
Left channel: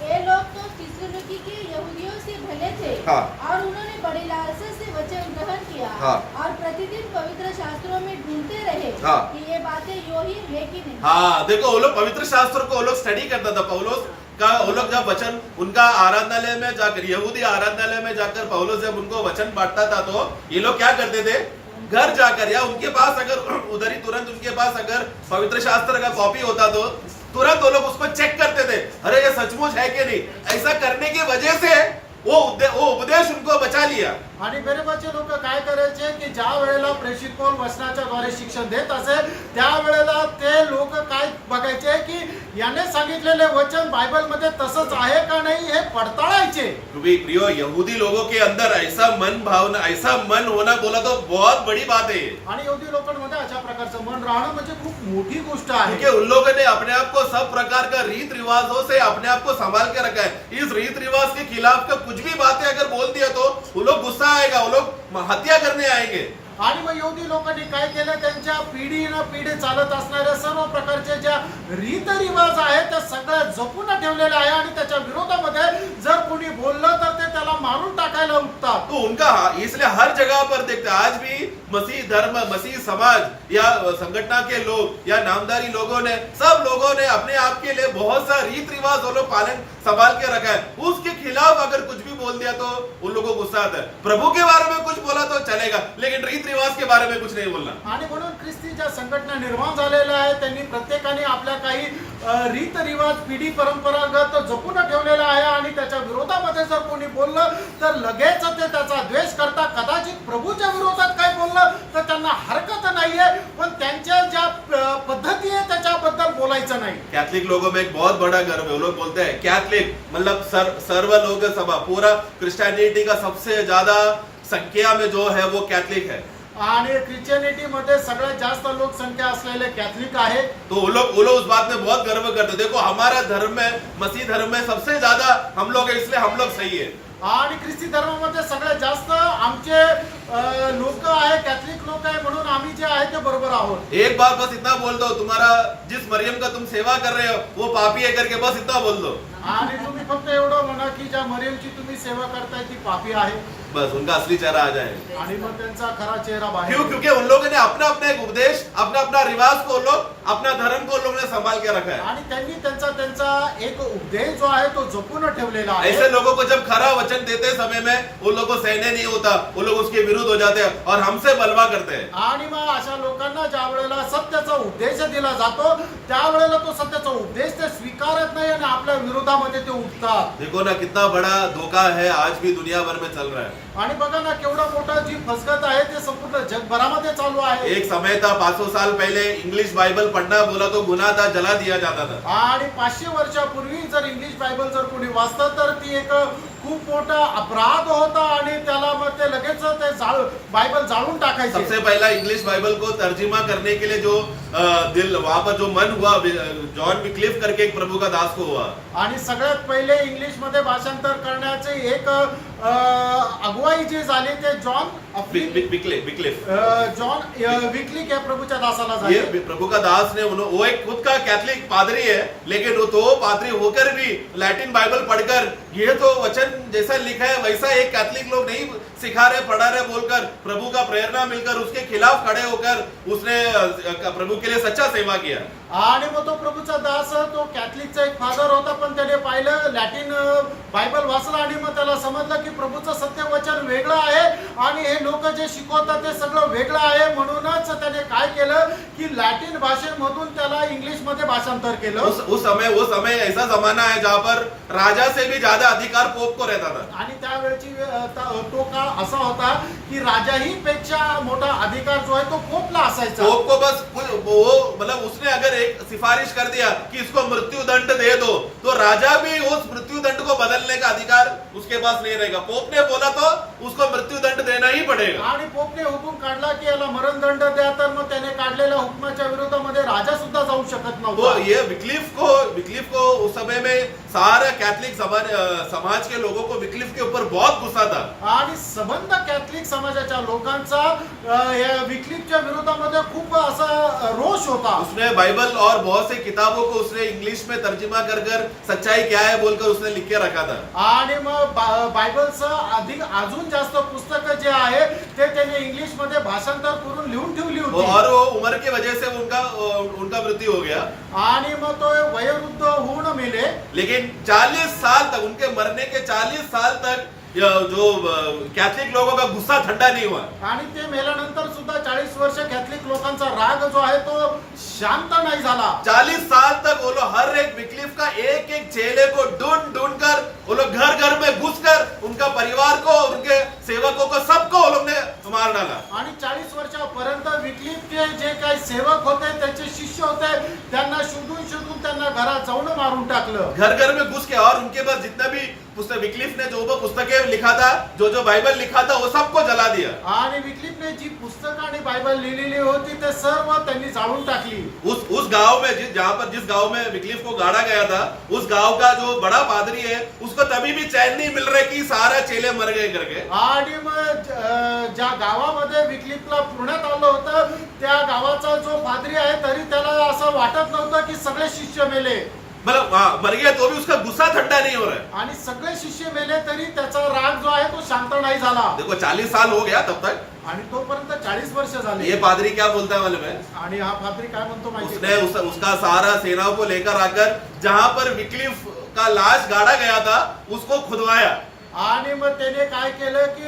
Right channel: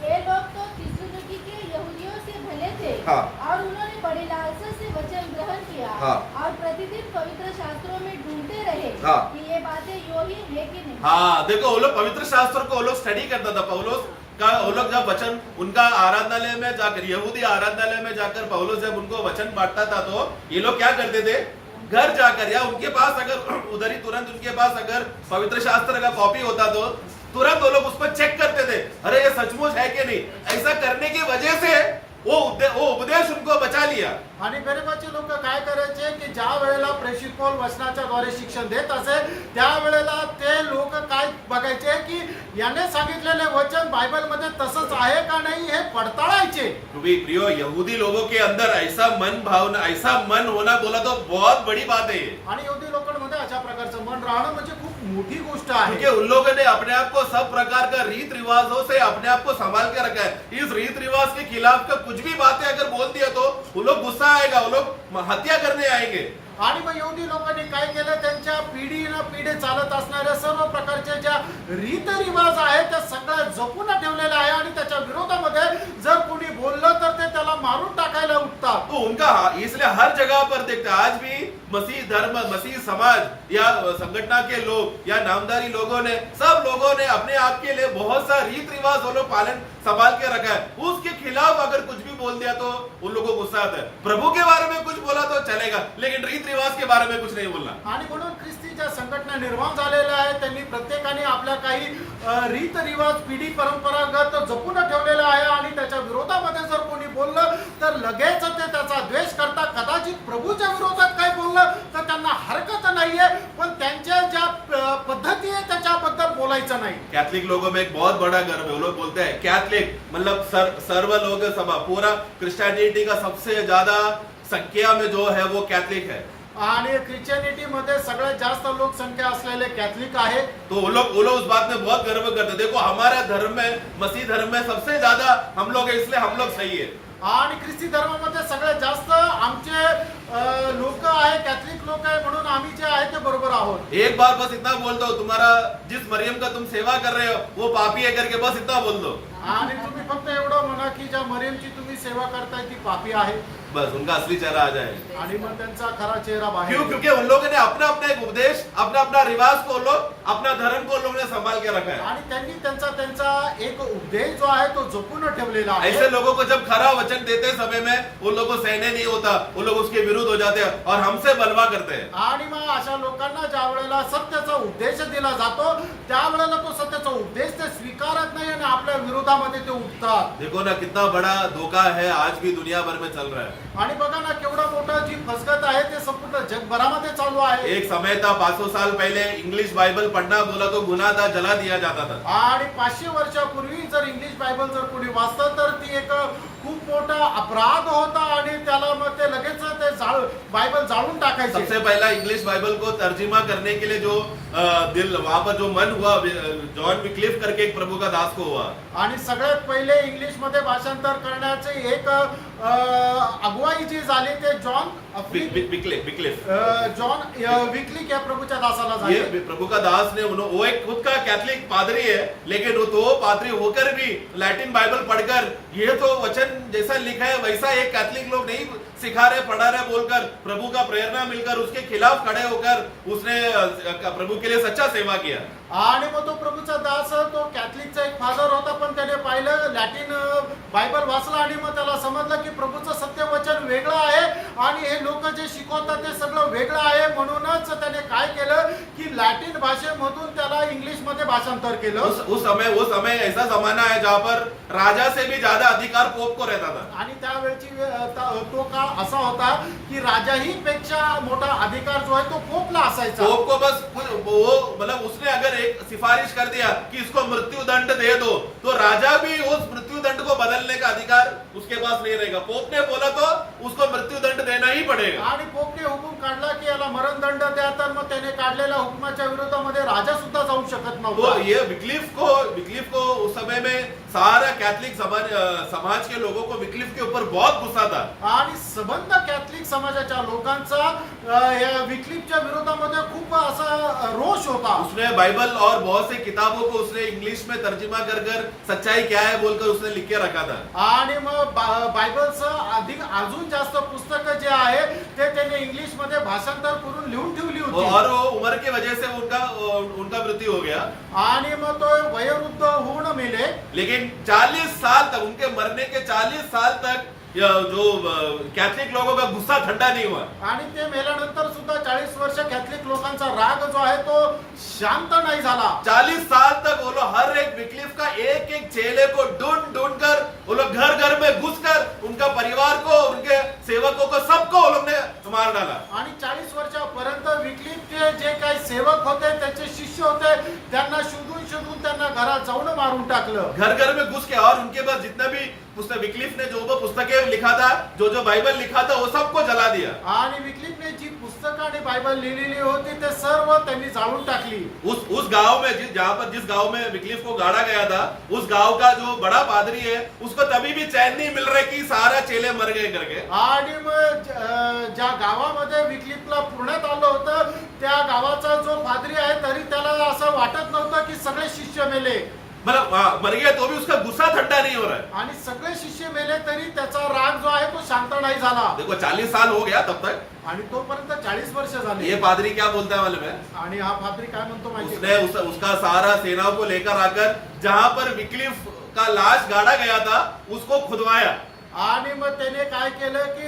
ये लोग तो थिस्सलुनीकी के यहूदियों से भले थे। हाँ। और उन्होंने बड़ी लालसा से वचन ग्रहण किया। हाँ। और प्रतिदिन पवित्र शास्त्रों में ढूंढते रहे हाँ। कि ये बातें यो ही है कि नहीं। हाँ, देखो वो लोग पवित्र शास्त्र को वो लोग स्टडी करता था। पौलुस का वो लोग जब वचन उनका आराधनालय में जाकर, यहूदी आराधनालय में जाकर पौलुस जब उनको वचन बांटता था तो ये लोग क्या करते थे, घर जाकर या उनके पास अगर उधर ही तुरंत उनके पास अगर पवित्र शास्त्र का कॉपी होता तो तुरंत वो लोग उसको चेक करते थे, अरे ये सचमुच है कि नहीं। ऐसा करने की वजह से वो उपदेश उनको बचा लिया। आणि गरीबाचे लोक काय करायचे की ज्या वेळेला प्रेषित पौल वचनाच्या द्वारे शिक्षण देत असे त्यावेळेला ते लोक काय बघायचे की याने सांगितलेले वचन बायबल मध्ये तसंच आहे का नाही हे पडताळायचे। क्योंकि प्रियो यहूदी लोगों के अंदर ऐसा मन भावना, ऐसा मन होना बोला तो बहुत बड़ी बात है। आणि यहूदी लोकांमध्ये अशा प्रकारचं मन राहणं म्हणजे खूप मोठी गोष्ट आहे। क्योंकि उन लोगों ने अपने आप को सब प्रकार का रीत रिवाजों से अपने आप को संभाल के रखा है। इस रीत रिवाज के खिलाफ का कुछ भी बातें अगर बोल दिया तो वो लोग गुस्सा आएगा, वो लोग हत्या करने आएंगे। आणि मग यहूदी लोकांनी काय केलं, त्यांच्या पिढी ना पिढी चालत असणाऱ्या सर्व प्रकारच्या ज्या रीतरिवाज आहेत त्या सगळ्या जपून ठेवलेल्या आहे आणि त्याच्या विरोधामध्ये जर कोणी बोललं तर ते त्याला मारून टाकायला उठतात। तो उनका इसलिए हर जगह पर देखते हैं, आज भी मसीह धर्म, मसीह समाज या संगठन के लोग या नामधारी लोगों ने, सब लोगों ने अपने आप के लिए बहुत सा रीत रिवाज वो लोग पालन संभाल के रखा है। उसके खिलाफ अगर कुछ भी बोल दिया तो उन लोगों को गुस्सा आता है। प्रभु के बारे में कुछ बोला तो चलेगा, लेकिन रीत रिवाज के बारे में कुछ नहीं बोलना। आणि म्हणून ख्रिस्ती ज्या संघटना निर्माण झालेल्या आहेत त्यांनी प्रत्येकाने आपल्या काही रीत रिवाज पिढी परंपरागत जपून ठेवलेला आहे आणि त्याच्या विरोधामध्ये जर कोणी बोललं तर लगेच ते त्याचा द्वेष करता। कदाचित प्रभूच्या विरोधात काही बोललं तर त्यांना हरकत नाहीये, पण त्यांच्या ज्या पद्धती आहे त्याच्याबद्दल बोलायचं नाही। कैथलिक लोगों में एक बहुत बड़ा गर्व है, वो लोग बोलते हैं कैथलिक मतलब सर्व लोग सभा, पूरा क्रिश्चियनिटी का सबसे ज्यादा संख्या में जो है वो कैथलिक है। आणि ख्रिश्चनिटी मध्ये सगळ्यात जास्त लोकसंख्या असलेले कैथलिक आहे। तो वो लोग उस बात में बहुत गर्व करते हैं, देखो हमारा धर्म में, मसीह धर्म में सबसे ज्यादा हम लोग हैं, इसलिए हम लोग सही है। आणि ख्रिस्ती धर्मामध्ये सगळ्यात जास्त आमचे लोक आहे, कैथलिक लोक आहे, म्हणून आम्ही जे आहे ते बरोबर आहोत। एक बार बस इतना बोल दो, तुम्हारा जिस मरियम का तुम सेवा कर रहे हो वो पापी है करके बस इतना बोल दो। आणि तुम्ही फक्त एवढं म्हणा की ज्या मरियमची तुम्ही सेवा करताय ती पापी आहे, बस उनका असली चेहरा आ जाए। आणि मग त्यांचा खरा चेहरा बाहेर। क्यों? क्योंकि उन लोगों ने अपना अपना एक उपदेश, अपना अपना रिवाज को लोग, अपना धर्म को लोगों ने संभाल के रखा है। आणि त्यांनी त्यांचा एक उपदेश जो आहे तो जपून ठेवलेला आहे। ऐसे लोगों को जब खरा वचन देते समय में उन लोगों को सहने नहीं होता, वो लोग उसके विरुद्ध हो जाते हैं और हमसे बलवा करते हैं। आणि मग अशा लोकांना ज्या वेळेला सत्याचा उपदेश दिला जातो त्यावेळेला तो सत्याचा उपदेश ते स्वीकारत नाही आणि आपल्या विरोधामध्ये ते उठतात। देखो ना कितना बड़ा धोखा है आज भी दुनिया भर में चल रहा है। आणि बघा ना केवढा मोठा जी फसगत आहे ते संपूर्ण जगभरामध्ये चालू आहे। एक समय था 500 साल पहले इंग्लिश बाइबल पढ़ना बोला तो गुनाह था, जला दिया जाता था। आणि 500 वर्षापूर्वी जर इंग्लिश बायबल जर कोणी वाचतं तर ती एक खूप मोठा अपराध होता आणि त्याला मग ते लगेच ते बायबल जाळून टाकायचे। सबसे पहला इंग्लिश बाइबल को तर्जुमा करने के लिए जो दिल वहां पर जो मन हुआ, जॉन विक्लिफ करके एक प्रभु का दास को हुआ। आणि सगळ्यात पहिले इंग्लिश मध्ये भाषांतर करण्याचे एक अगुवाई जी झाली ते जॉन विक्लिफ जॉन विक्लिफ या प्रभूच्या दासाला झाली। ये प्रभु का दास ने वो एक खुद का कैथलिक पादरी है, लेकिन वो तो पादरी होकर भी लैटिन बाइबल पढ़कर ये तो वचन जैसा लिखा है वैसा एक कैथलिक लोग नहीं सिखा रहे, पढ़ा रहे बोलकर प्रभु का प्रेरणा मिलकर उसके खिलाफ खड़े होकर उसने प्रभु के लिए सच्चा सेवा किया। आणि मग तो प्रभूचा दास तो कॅथलिकचा एक फादर होता, पण त्याने पाहिलं लॅटिन बायबल वाचला आणि मग त्याला समजलं की प्रभूचं सत्य वचन वेगळं आहे आणि हे लोक जे शिकवतात ते सगळं वेगळं आहे। म्हणूनच त्याने काय केलं की लॅटिन भाषेमधून त्याला इंग्लिश मध्ये भाषांतर केलं। उस समय ऐसा जमाना है जहाँ पर राजा से भी ज्यादा अधिकार पोप को रहता था। आणि त्यावेळची तो काळ असा होता की राजाही पेक्षा मोठा अधिकार जो आहे तो पोपला असायचा। पोप को बस वो मतलब उसने अगर एक सिफारिश कर दिया कि इसको मृत्यु दंड दे दो तो राजा भी उस मृत्यू दंड को बदलने का अधिकार उसके पास नहीं रहेगा। पोप ने बोला तो उसको मृत्यू दंड देना ही पड़ेगा। आणि पोपने हुकूम काढला की याला मरण दंड द्या, तर मग त्याने काढलेल्या हुकुमाच्या विरोधामध्ये राजा सुद्धा जाऊ शकत नव्हता। तो ये विक्लिफ को उस समय में सारा कैथलिक समाज के लोगों को विक्लिफ के ऊपर बहुत गुस्सा था। आणि संबंध कैथलिक समाजाच्या लोकांचा विक्लिफच्या विरोधामध्ये खूप असा रोष होता। उसने बाइबल और बहुत सी किताबों को उसने इंग्लिश में तर्जुमा कर सच्चाई क्या है बोलकर उसने लिख के रखा था। आणि मग बायबलचं अधिक अजून जास्त पुस्तक जे आहे ते त्याने इंग्लिश मध्ये भाषांतर करून लिहून ठेवली होती। और वो उम्र की वजह से उनका मृत्यू हो गया आणि मग तो वयोवृद्ध होऊन मेले। लेकिन 40 साल तक, उनके मरने के 40 साल तक जो कैथलिक लोगों का गुस्सा ठंडा नहीं हुआ। आणि ते मेल्यानंतर सुद्धा 40 वर्ष कॅथलिक लोकांचा राग जो आहे तो शांत नाही झाला। 40 साल तक वो लोग हर एक विक्लिफ का एक एक चेले को ढूंढ ढूंढ कर वो लोग घर घर में घुसकर उनका परिवार को, उनके सेवकों को, सबको वो लोग ने मार डाला। आणि 40 वर्षापर्यंत विक्लिफचे जे काही सेवक होते, त्याचे शिष्य होते, त्यांना शोधून शोधून त्यांना घरात जाऊन मारून टाकलं। घर घर में घुस के, और उनके पास जितना भी पुस्तक, विक्लिफ ने जो पुस्तकें लिखा था, जो बाइबल लिखा था, वो सबको जला दिया। आणि विक्लिफने जी पुस्तकं आणि बायबल लिहिलेली होती ते सर्व त्यांनी जाळून टाकली। उस गांव में जिस गांव में विक्लिफ को गाड़ा गया था, उस गांव का जो बड़ा पादरी है, उसको तभी भी चैन नहीं मिल रहा कि सारा चेले मर गए करके। आणि मग ज्या गावामध्ये विक्लिफला पुण्यात आलं होतं, त्या गावाचा जो पादरी आहे तरी त्याला असं वाटत नव्हतं की सगळे शिष्य मेले। मतलब मर गया तो भी उसका गुस्सा ठंडा नहीं हो रहा है। आणि सगळे शिष्य मेले तरी त्याचा राग जो आहे तो शांत नाही झाला। देखो 40 साल हो गया तब तक, आणि तोपर्यंत 40 वर्ष झाले। ये पादरी क्या बोलता है मालूम है? आणि हा पादरी काय म्हणतो माहिती उसने उसका सारा सेनाओं को लेकर आकर जहां पर विक्लिफ का लाश गाड़ा गया था उसको खुदवाया। आणि मग त्याने काय केलं की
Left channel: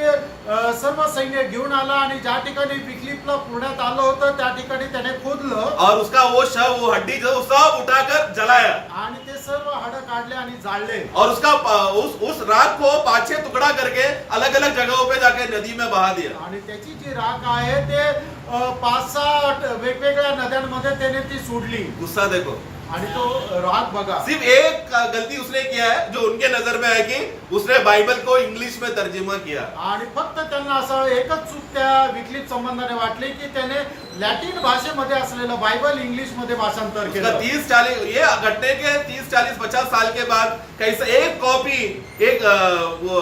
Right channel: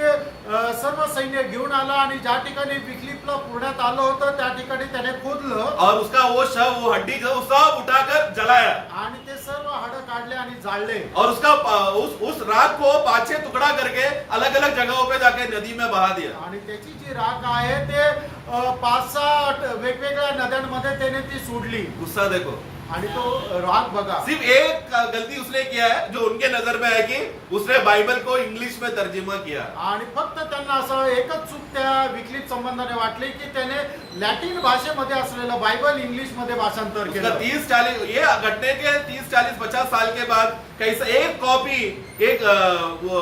सर्व सैन्य घेऊन आला आणि ज्या ठिकाणी विक्लिफला पुण्यात आलं होतं त्या ठिकाणी त्याने खोदलं और उसका वो शव, वो हड्डी जो सब उठाकर जलाया। आणि ते सर्व हाडं काढले आणि जाळले। और उसका उस राख को 5-6 टुकड़ा करके अलग अलग जगहों पे जाके नदी में बहा दिया। आणि त्याची जी राख आहे ते 5-6 वेगवेगळ्या नद्यांमध्ये त्याने ती सोडली। गुस्सा देखो। आणि तो राग बघा। सिर्फ एक गलती उसने किया है जो उनके नजर में है कि उसने बाइबल को इंग्लिश में तर्जुमा किया। आणि फक्त त्यांना असं एकच चूक त्या विक्लिफ संबंधाने वाटली की त्याने लॅटिन भाषेमध्ये असलेलं बायबल इंग्लिश मध्ये भाषांतर उसका केलं। 30-40 ये घटने के 30-40-50 साल के बाद कैसे एक कॉपी एक वो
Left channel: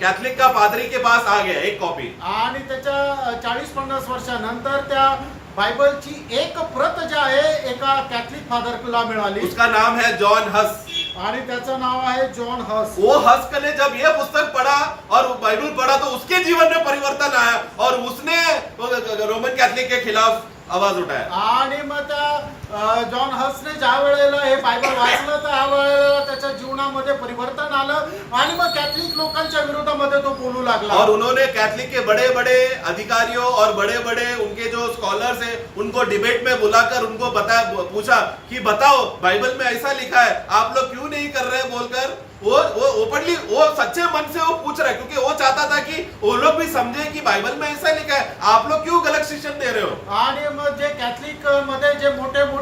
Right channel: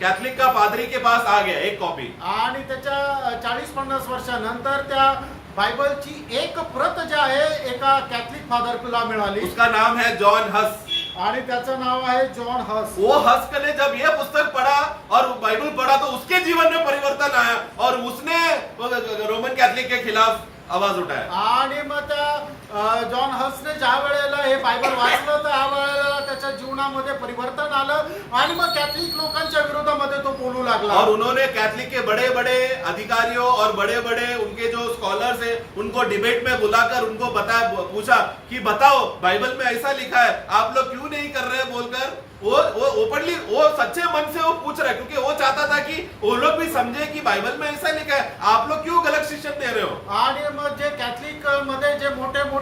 कैथलिक का पादरी के पास आ गया, एक कॉपी। आणि त्याच्या 40-50 वर्षानंतर त्या बायबलची एक प्रत जी आहे एका कॅथलिक फादरला मिळाली। उसका नाम है जॉन हस। आणि त्याचं नाव आहे जॉन हस। वो हस ने जब ये पुस्तक पढ़ा और बाइबल पढ़ा तो उसके जीवन में परिवर्तन आया और उसने रोमन कैथलिक के खिलाफ आवाज उठाया। आणि मग त्या जॉन हसने ज्या वेळेला हे बायबल वाचलं तर त्यावेळेला त्याच्या जीवनामध्ये परिवर्तन आलं आणि मग कॅथलिक लोकांच्या विरोधामध्ये तो बोलू लागला। और उन्होंने कैथलिक के बड़े बड़े अधिकारियों और बड़े बड़े उनके जो स्कॉलर्स हैं उनको डिबेट में बुलाकर उनको पूछा कि बताओ बाइबल में ऐसा लिखा है, आप लोग क्यों नहीं कर रहे बोलकर वो ओपनली वो सच्चे मन से वो पूछ रहा है, क्योंकि वो चाहता था कि वो लोग भी समझे कि बाइबल में ऐसा लिखा है, आप लोग क्यों गलत शिक्षण दे रहे हो। आणि मग जे कॅथलिक मध्ये जे मोठे मोठे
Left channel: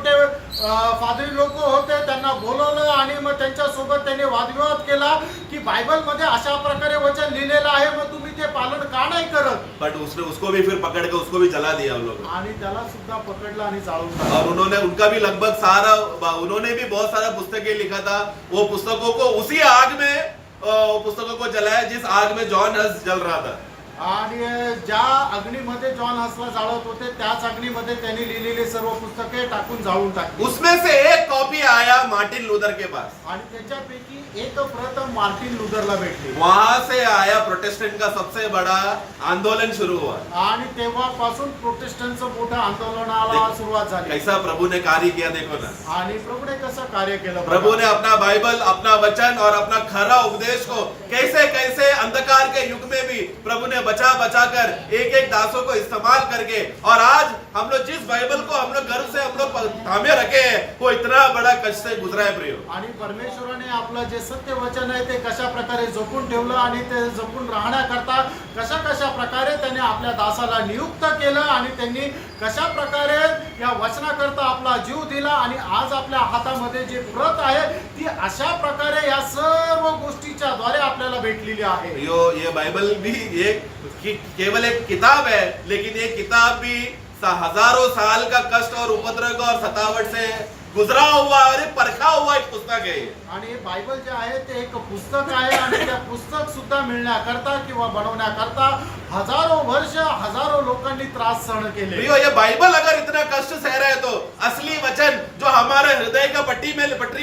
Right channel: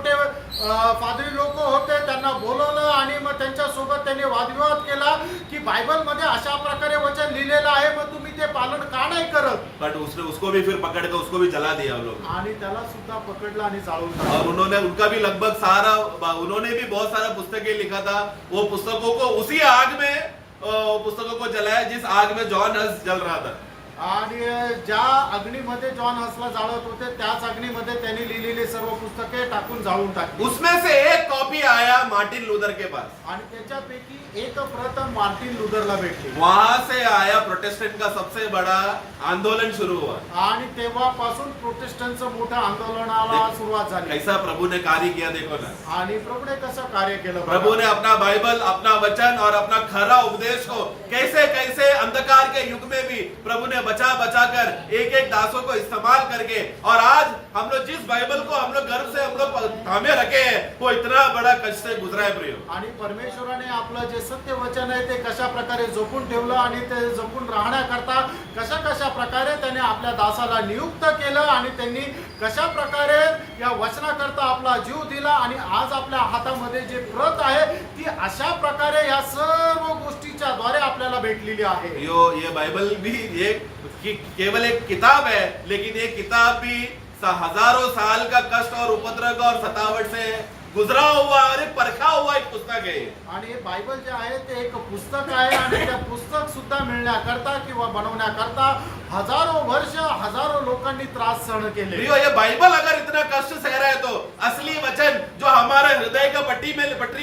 फादरी लोक होते त्यांना बोलवलं आणि मग त्यांच्या सोबत त्यांनी वादविवाद केला की बायबल मध्ये अशा प्रकारे वचन लिहिलेलं आहे, मग तुम्ही ते पालन का नाही करत। बट उसको भी फिर पकड़ के उसको भी जला दिया उन लोगों आणि त्याला सुद्धा पकडलं आणि जाळून ने। टाकलं। और उन्होंने उनका भी लगभग सारा, उन्होंने भी बहुत सारा पुस्तकें लिखा था, वो पुस्तकों को उसी आग में पुस्तकों को जलाया जिस आग में जॉन हस जल रहा था। आणि ज्या अग्नीमध्ये जॉन हसला जाळत होते त्याच अग्नीमध्ये त्यांनी लिहिलेली सर्व पुस्तके टाकून जाळून टाकली। उसमें से एक कॉपी आया मार्टिन लूथर के पास। आणि त्याच्यापैकी एक प्रत मार्टिन लूथरला भेटली। वहां से आया प्रोटेस्टेंट का सबसे बड़ा आंदोलन शुरू हुआ। आणि तेव्हापासून प्रोटेस्टंटचं मोठं आंदोलनाला सुरुवात झाली। कैसा प्रभु ने कार्य किया देखो ना। आणि प्रभूने कसं कार्य केलं बघा। प्रभु ने अपना बाइबल, अपना वचन और अपना खरा उपदेश को कैसे कैसे अंधकार के युग में भी प्रभु ने बचा बचा कर एक एक दासों को इस्तेमाल करके, और आज हम लोग जिस बाइबल को हम लोग गर्व से हम लोग थामे रखे हैं वो इतना बड़ा कष्ट से गुजरा है प्रियो। आणि परमेश्वराने आपलं जे सत्य वचन आहे ते कशा प्रकारे जपून ठेवलं आणि ते जपून राहण्याकरता कशा कशा प्रकारे त्याने आपल्या दासाला नियुक्त केलं आणि त्यांनी कशा प्रकारे या वचनाकरता आपला जीव दिला आणि आज आपल्या हातामध्ये जे प्रत आहे ती अशा प्रकारे या सर्व गोष्टीच्या द्वारे आपल्याला भेटलेली आहे। ये बाइबल भी ये केवल एक किताब है, लेकिन ये किताब भी हजारों साल का कष्ट और उपद्रव और सतावट से गुजरा हुआ और एक परखा हुआ एक पुस्तक है। आणि हे बायबल जे आहे ते एक पुस्तक आहे आणि त्या पुस्तक सुद्धा मिळण्याकरता किंवा बनवण्याकरता हजारो वर्ष हजारो लोकांनी त्रास सहन केले। प्रियो, ये बाइबल अगर इतना कष्ट सह रहा है तो असली वचन जो हमारे हृदय का पटरी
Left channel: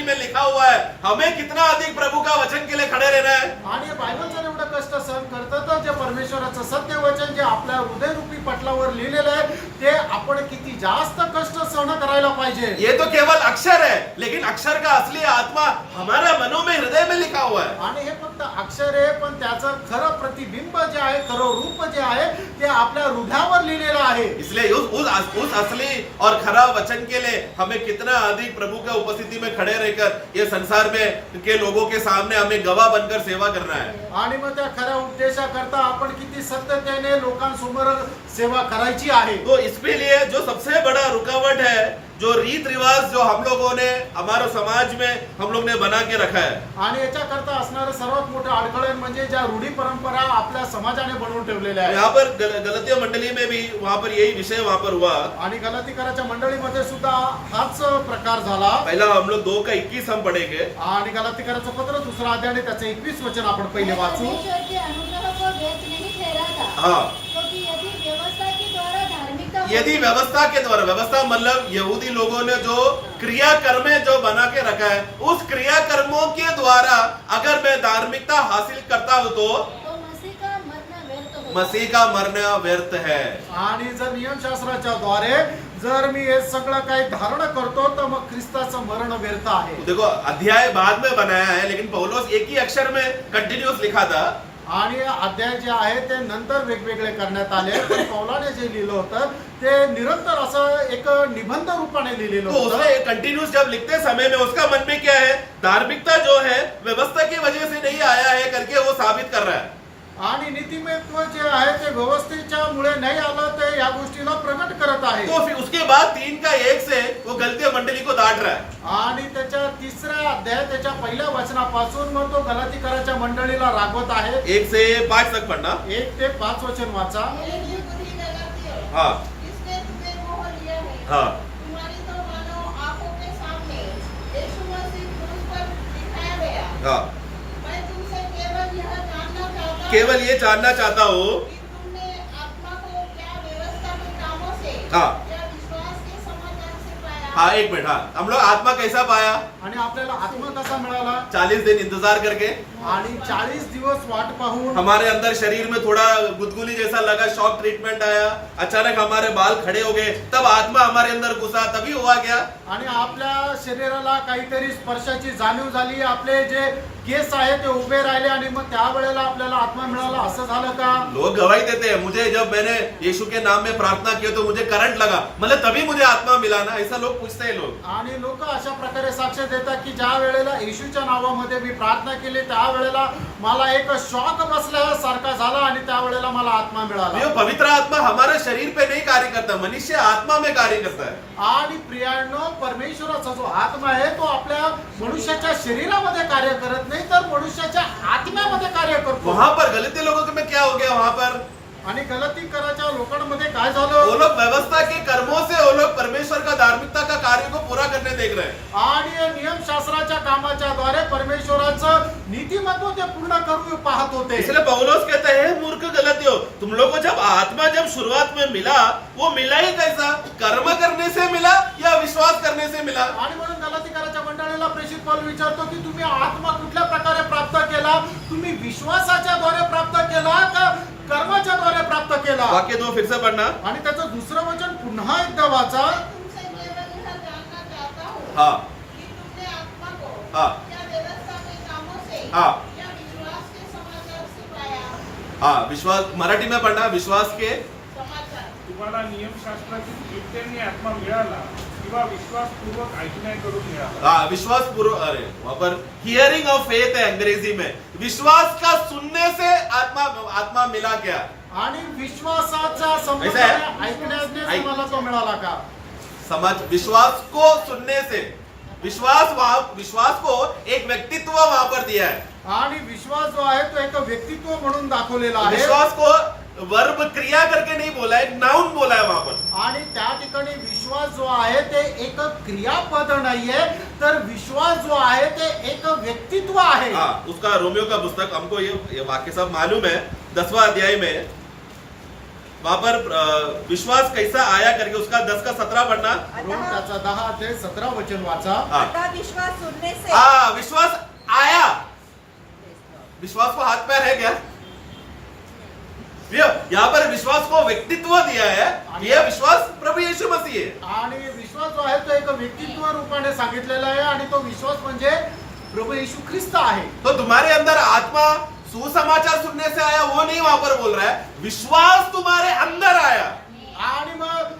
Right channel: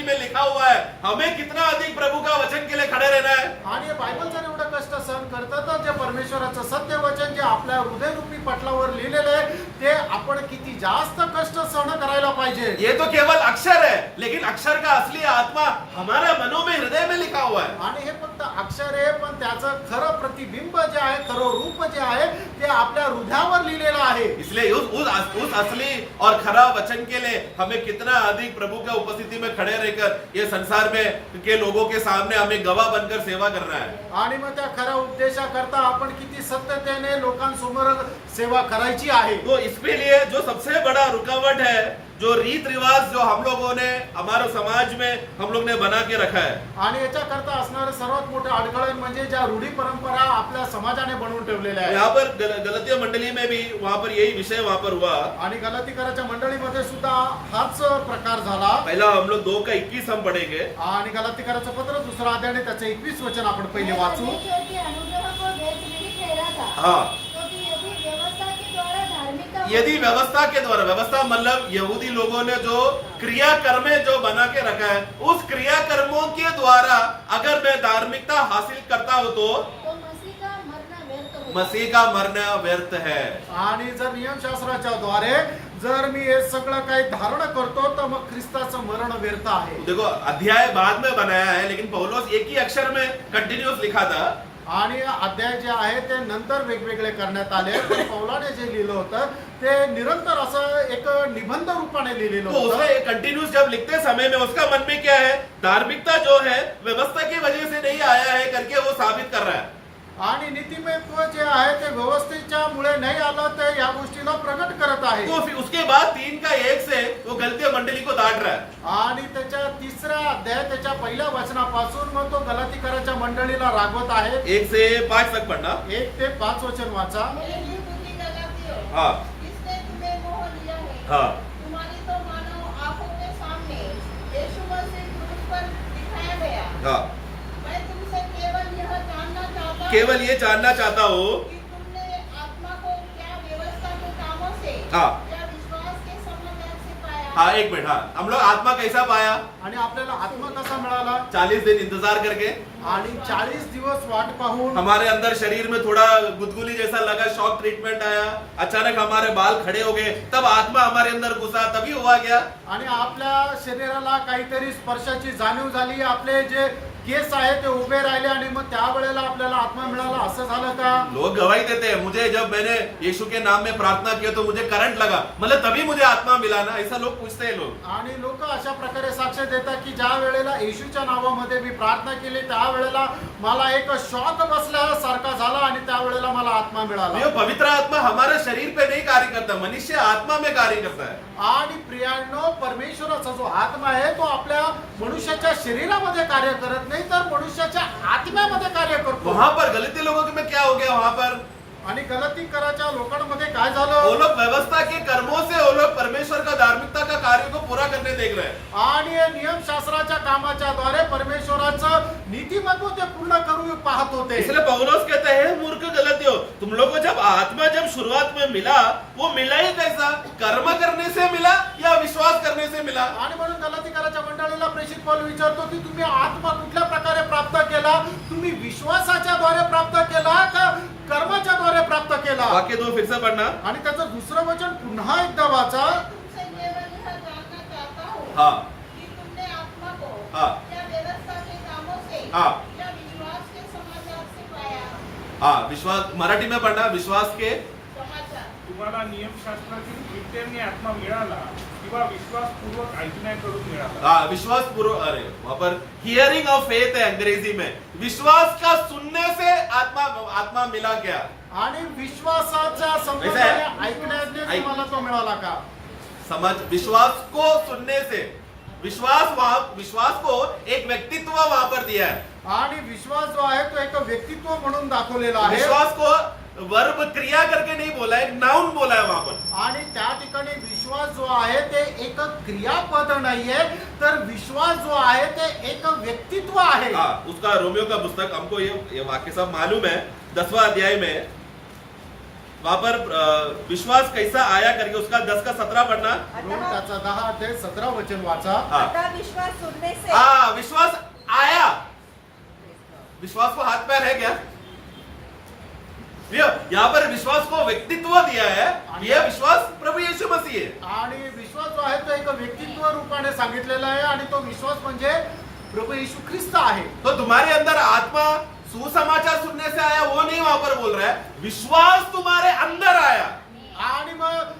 में लिखा हुआ है, हमें कितना अधिक प्रभु का वचन के लिए खड़े रहना है। आणि बायबल जर एवढं कष्ट सहन करतं तर जे परमेश्वराचं सत्य वचन जे आपल्या हृदयरूपी पटलावर लिहिलेलं आहे ते आपण किती जास्त कष्ट सहन करायला पाहिजे। ये तो केवल अक्षर है, लेकिन अक्षर का असली आत्मा हमारा मनों में, हृदय में लिखा हुआ है। आणि हे फक्त अक्षर आहे, पण त्याचं खरं प्रतिबिंब जे आहे, खरं रूप जे आहे ते आपल्या हृदयावर लिहिलेलं आहे. इसलिए उस असली और खरा वचन के लिए हमें कितना अधिक प्रभु के उपस्थिति में खड़े रहकर ये संसार में के लोगों के सामने हमें गवाह बनकर सेवा करना है। आणि मग त्या खऱ्या उपदेशाकरता आपण किती सत्यतेने लोकांसमोर सेवा करायची आहे. तो इसके लिए जो सबसे बड़ा रुकावट है, जो रीत रिवाज जो हम लोगों ने हमारे समाज में हम लोग ने बना के रखा है, आणि याच्याकरता असणारं सर्वात मोठं अडथळे म्हणजे ज्या रूढी परंपरा आपल्या समाजाने बनवून ठेवलेल्या आहेत. यहाँ पर गलतिय मंडली में भी वहां पर यही विषय वहां पर हुआ। आणि गलातीकराच्या मंडळीमध्ये सुद्धा हाच प्रकार झाला. पहला हम लोग 2:21 हम पढ़ेंगे। आणि गलातीकराचं पत्र 2 अध्याय आणि त्याचं 21 वचन आपण पहिले वाचू. परमेश्वर के अनुग्रह को व्यर्थ नहीं ठहराता, हाँ, क्योंकि यदि व्यवस्था के द्वारा धार्मिकता यदि व्यवस्था के द्वारा, व्यवस्था मतलब यहूदी लोगों ने जो क्रिया कर्में जो बना के रखा है, उस क्रिया कर्मों के द्वारा अगर मैं धार्मिकता हासिल करता हूं तो मसीह का मरना व्यर्थ होगा. मसीह का मरना व्यर्थ है। आणि जर नियमशास्त्राच्या द्वारे जर मी हे सगळं काही धारण करतो तर मग ख्रिस्ताचं मरण व्यर्थ आहे. देखो अध्याय बाद में बनाया है, लेकिन पौलुस एक ही अक्षर में कंटिन्यूस लिखा था। आणि अध्याय जे आहे ते नंतर वेगवेगळे करण्यात आले, पण पौलाने जे लिहिलं होतं ते निरंतर असं एक निबंध रूपाने लिहिलेलं तो होतं. उसमें कंटिन्यूस जब लिखते समय में उसका मन में क्या है, धार्मिकता जो है व्यवस्था की वजह से नहीं आया है करके वो साबित कर रहा है। आणि नीतिमत्व जे आहे ते व्यवस्थेच्या मुळे नाही आलं, ते या गोष्टीला प्रगट करत आहे. तो फिर उसके बाद 3:1 से वो गलती मंडली को डांट रहा है। आणि त्याच्या 3ऱ्या अध्याय त्याच्या पहिल्या वचनापासून मग तो गलातीकराच्या मंडळीला रागवत आहे. 1 से 5 तक पढ़ना। 1 ते 5 वचन वाचा. मेरे निर्बुद्धि गलतियों, हाँ किसने तुम्हें मोह लिया है? हाँ तुम्हारी तो मानो आंखों के सामने यीशु मसीह क्रूस पर दिखाया गया। हाँ, मैं तुमसे केवल यह जानना चाहता हूँ केवल ये जानना चाहता हूँ। कि तुमने आत्मा को क्या व्यवस्था के कामों से हाँ। या विश्वास के समाचार से पाया? हाँ, एक मिनट। हाँ, हम लोग आत्मा कैसा पाया? आणि आपल्याला आत्मा कसा मिळाला? 40 दिन इंतजार करके आणि 40 दिवस वाट पाहून हमारे अंदर शरीर में थोड़ा गुदगुदी जैसा लगा, शॉक ट्रीटमेंट आया, अचानक हमारे बाल खड़े हो गए, तब आत्मा हमारे अंदर घुसा, तभी हुआ क्या? आणि आपल्या शरीराला काहीतरी स्पर्शाची जाणीव झाली, आपले जे केस आहे ते उभे राहिले आणि मग त्यावेळेला आपल्याला आत्मा मिळाला, असं झालं का? लोग गवाही देते हैं, मुझे जब मैंने यीशु के नाम में प्रार्थना किया तो मुझे करंट लगा, मतलब तभी मुझे आत्मा मिला ना, ऐसा लोग पूछते हैं लोग। आणि लोक अशा प्रकारे साक्ष देतात की ज्या वेळेला येशूच्या नावामध्ये मी प्रार्थना केली त्यावेळेला मला एक शॉक बसल्यासारखा झाला आणि त्यावेळेला मला आत्मा मिळाला. ये पवित्र आत्मा हमारे शरीर पे नहीं कार्य करता, मनुष्य आत्मा में कार्य करता है। आणि प्रियांनो, परमेश्वराचा जो आत्मा आहे तो आपल्या मनुष्याच्या शरीरामध्ये कार्य करत नाही, तर मनुष्याच्या आत्म्यामध्ये कार्य करतो. वहां पर गलती लोगों में क्या हो गया, वहां पर आणि गलतीकराच्या लोकांमध्ये काय वो झालं? लोग व्यवस्था के कर्मों से वो लोग परमेश्वर का धार्मिकता का कार्य को पूरा करने देख रहे हैं। आणि नियमशास्त्राच्या कामाच्या द्वारे परमेश्वराचं नीतिमत्व ते पूर्ण करू पाहत होते. इसलिए पौलुस कहता है, मूर्ख गलतियों, तुम लोग को जब आत्मा जब शुरुआत में मिला, वो मिला ही कैसा? कर्म करने से मिला या विश्वास करने से मिला? आणि म्हणून गलातीकराच्या मंडळीला प्रेषित पौल विचारतो की तुम्ही आत्मा कुठल्या प्रकारे प्राप्त केला? तुम्ही विश्वासाच्या द्वारे प्राप्त केला का कर्माच्या द्वारे प्राप्त केला? वाक्य 2 फिर से पढ़ना। आणि त्याचं दुसरं वचन पुन्हा एकदा वाचा. मैं तुमसे केवल यह जानना चाहता हूँ हाँ कि तुमने आत्मा को हाँ क्या व्यवस्था के कामों से हाँ या विश्वास के समाचार से पाया? हाँ, विश्वास मराठी में पढ़ना, विश्वास के समाचार। तुम्हाला नियमशास्त्रातून कृत्याने आत्मा मिळाला किंवा विश्वासपूर्वक ऐकण्याकडून मिळाला? हाँ, विश्वास पूर्व, अरे वहां पर हियरिंग ऑफ फेथ है अंग्रेजी में, विश्वास का सुनने से आत्मा मिला क्या? आणि विश्वासाच्या ऐसा संबंधाने है? ऐकण्याने ऐक- तुम्हाला तो मिळाला का? समझ, विश्वास को सुनने से, विश्वास को एक व्यक्तित्व वहां पर दिया है। आणि विश्वास जो आहे तो एक व्यक्तित्व म्हणून दाखवलेला आहे. विश्वास को वर्ब क्रिया करके नहीं बोला है, नाउन बोला है वहां पर। आणि त्या ठिकाणी विश्वास जो आहे ते एक क्रियापद नाहीये, तर विश्वास जो आहे ते एक व्यक्तित्व आहे. हाँ, उसका रोमियो का पुस्तक, हमको ये वाक्य सब मालूम है, 10वां अध्याय में वहां पर विश्वास कैसा आया करके उसका 10 का 17 पढ़ना। रोम त्याचा 10 ते 17 वचन वाचा. हाँ अतः विश्वास सुनने से हाँ, विश्वास आया। विश्वास को हाथ पैर है क्या? यहाँ पर विश्वास को व्यक्तित्व दिया है, यह विश्वास प्रभु यीशु मसीह है। आणि विश्वास जो आहे तो एक व्यक्तित्व रूपाने सांगितलेला आहे आणि तो विश्वास म्हणजे प्रभू येशू ख्रिस्त आहे. तो तुम्हारे अंदर आत्मा सुसमाचार सुनने से आया वो नहीं वहां पर बोल रहा है, विश्वास तुम्हारे अंदर आया। आणि मग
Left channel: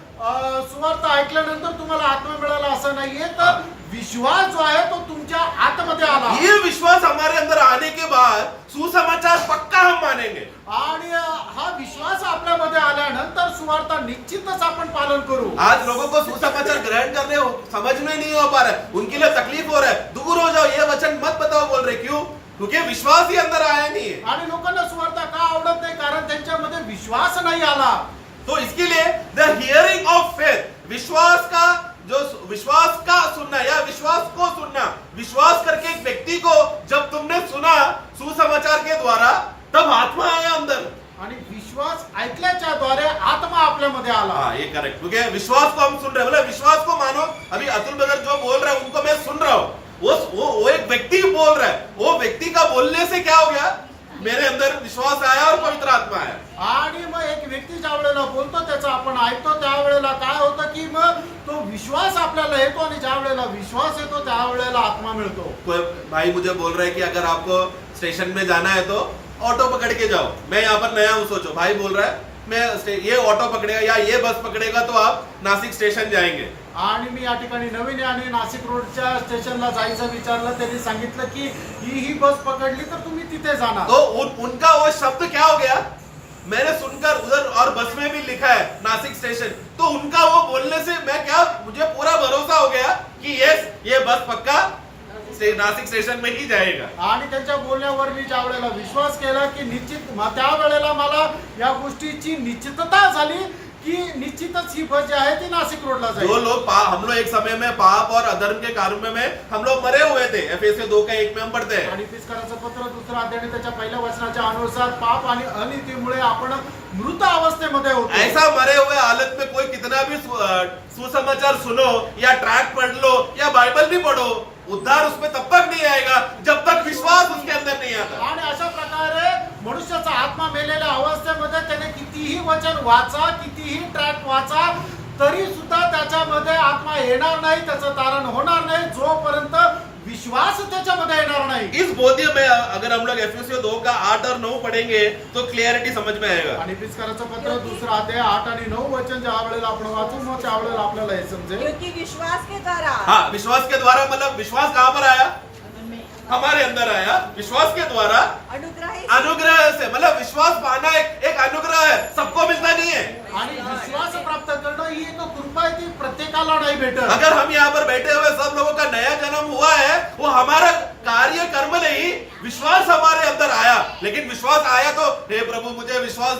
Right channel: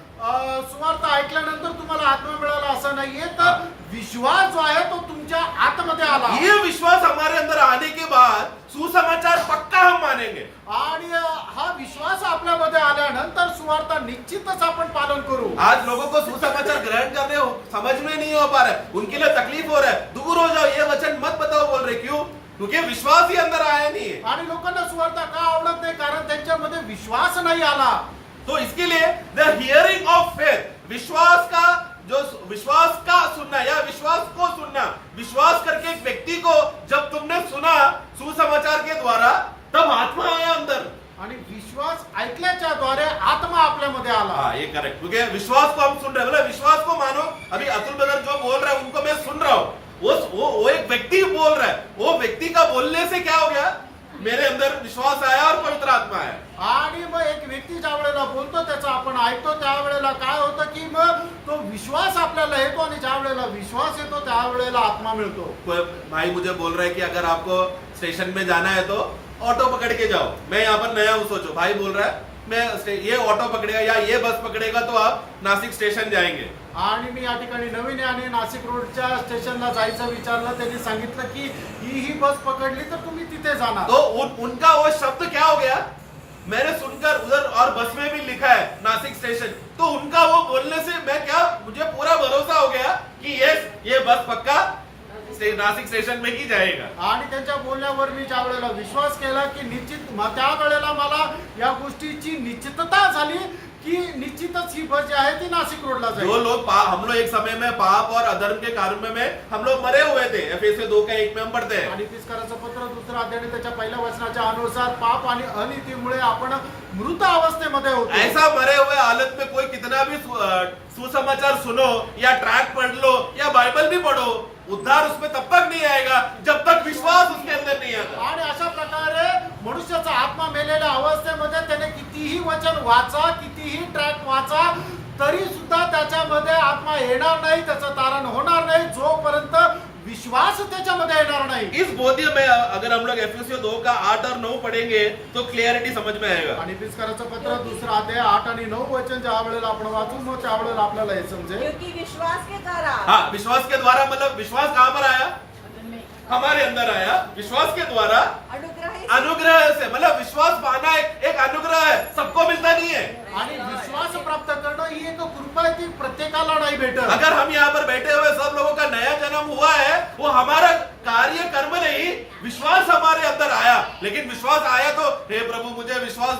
सुवार्थ ऐकल्यानंतर तुम्हाला आत्मा मिळाला असं नाहीये, तर विश्वास जो आहे तो तुमच्या आतमध्ये आला. ये विश्वास हमारे अंदर आने के बाद सुसमाचार पक्का हम मानेंगे। आणि हा विश्वास आपल्यामध्ये आल्यानंतर सुवार्थ निश्चितच आपण पालन करू. आज लोगों को सुसमाचार ग्रहण करने हो समझ में नहीं हो पा रहा है, उनके लिए तकलीफ हो रहा है, दूर हो जाओ ये वचन मत बताओ बोल रहे, क्यों? क्योंकि विश्वास ही अंदर आया नहीं है। आणि लोकांना सुवार्थ का आवडत नाही? कारण त्यांच्यामध्ये विश्वास नाही आला. तो इसके लिए द हियरिंग ऑफ फेथ, विश्वास का सुनना या विश्वास को सुनना, विश्वास करके एक व्यक्ति को जब तुमने सुना सुसमाचार के द्वारा, तब आत्मा आया अंदर। आणि विश्वास ऐकल्याच्या द्वारे आत्मा आपल्यामध्ये आला. हाँ ये करेक्ट, क्योंकि विश्वास को हम सुन रहे हैं, बोले विश्वास को मानो। अभी अतुल ब्रदर जो बोल रहे हैं उनको मैं सुन रहा हूँ, वो एक व्यक्ति बोल रहा है, वो व्यक्ति का बोलने से क्या हो गया, मेरे अंदर विश्वास आया और पवित्र आत्मा आया। आणि मग एक व्यक्ती ज्या वेळेला बोलतो त्याचा आपण ऐकतो, त्यावेळेला काय होतं की मग तो विश्वास आपल्याला येतो आणि ज्या वेळेला विश्वास येतो त्यावेळेला आत्मा मिळतो. कोई भाई मुझे बोल रहे हैं कि अगर आपको स्टेशन में जाना है तो ऑटो पकड़ के जाओ। मैं यहाँ पर नया हूँ, सोचो भाई बोल रहा है मैं ये ऑटो पकड़ेगा या ये बस पकड़ेगा तो आप नासिक स्टेशन जाएंगे। आणि मी या ठिकाणी नवीन आहे आणि नाशिक रोडच्या स्टेशनला जायचं विचारलं, त्यांनी सांगितलं की ही बस पकडली तर तुम्ही तिथे जाणार. तो उनका वो शब्द क्या हो गया, मैंने सुनकर उधर और बस में भी लिखा है नासिक स्टेशन, तो उनका वो बोलने से मैं क्या, मुझे पूरा भरोसा हो गया कि ये बस पक्का नासिक स्टेशन में ही जाएगा. आणि त्यांच्या बोलण्यावर मी ज्या वेळेला विश्वास केला की निश्चित त्या वेळेला मला या गोष्टीची निश्चितता झाली की निश्चितच ही बस जी आहे ती नाशिक रोडला जाईल. जो लोग हम लोग एक समय में पाप और अधर्म के कार्य में हम लोग मरे हुए थे, एफएससी 2:1 में हम पढ़ते हैं. आणि तिसकाराचं पत्र दुसरा अध्याय आणि त्याच्या पहिल्या वचनाच्या अनुसार पाप आणि अनितीमुळे आपण मृत अवस्थेमध्ये होतो. ऐसा मरे हुए हालत में कोई कितना भी सुसमाचार सुनो या ट्रैक पढ़ लो या बाइबल भी पढ़ो, उद्धार उसमें तब तक नहीं आएगा जब तक विश्वास उसके अंदर नहीं आता. आणि अशा प्रकारे मनुष्याचा आत्मा मेलेल्या अवस्थेमध्ये त्याने कितीही वचन वाचा, कितीही ट्रॅक वाचा, तरी सुद्धा त्याच्यामध्ये आत्मा येणार नाही, त्याचं तारण होणार नाही जोपर्यंत विश्वास त्याच्यामध्ये येणार नाही. इस बोध्य में अगर हम लोग एफएससी 2 का 8 और 9 पढ़ेंगे तो क्लियरिटी समझ में आएगा. आणि तिसकाराचं पत्र दुसरा अध्याय 8 आणि 9 वचन ज्या वेळेला आपण वाचू मग त्यावेळेला आपल्याला हे समजेल. क्योंकि विश्वास के द्वारा हाँ, विश्वास के द्वारा मतलब विश्वास कहाँ पर आया, हमारे अंदर आया. विश्वास के द्वारा अनुग्रह से, मतलब विश्वास पाना एक अनुग्रह है, सबको मिलता नहीं है. आणि विश्वास प्राप्त करणं ही एक कृपा आहे, ती प्रत्येकाला नाही भेटत. अगर हम यहाँ पर बैठे हुए सब लोगों का नया जन्म हुआ है, वो हमारा कार्य कर्म नहीं, विश्वास हमारे अंदर आया. लेकिन विश्वास आया तो हे प्रभु मुझे विश्वास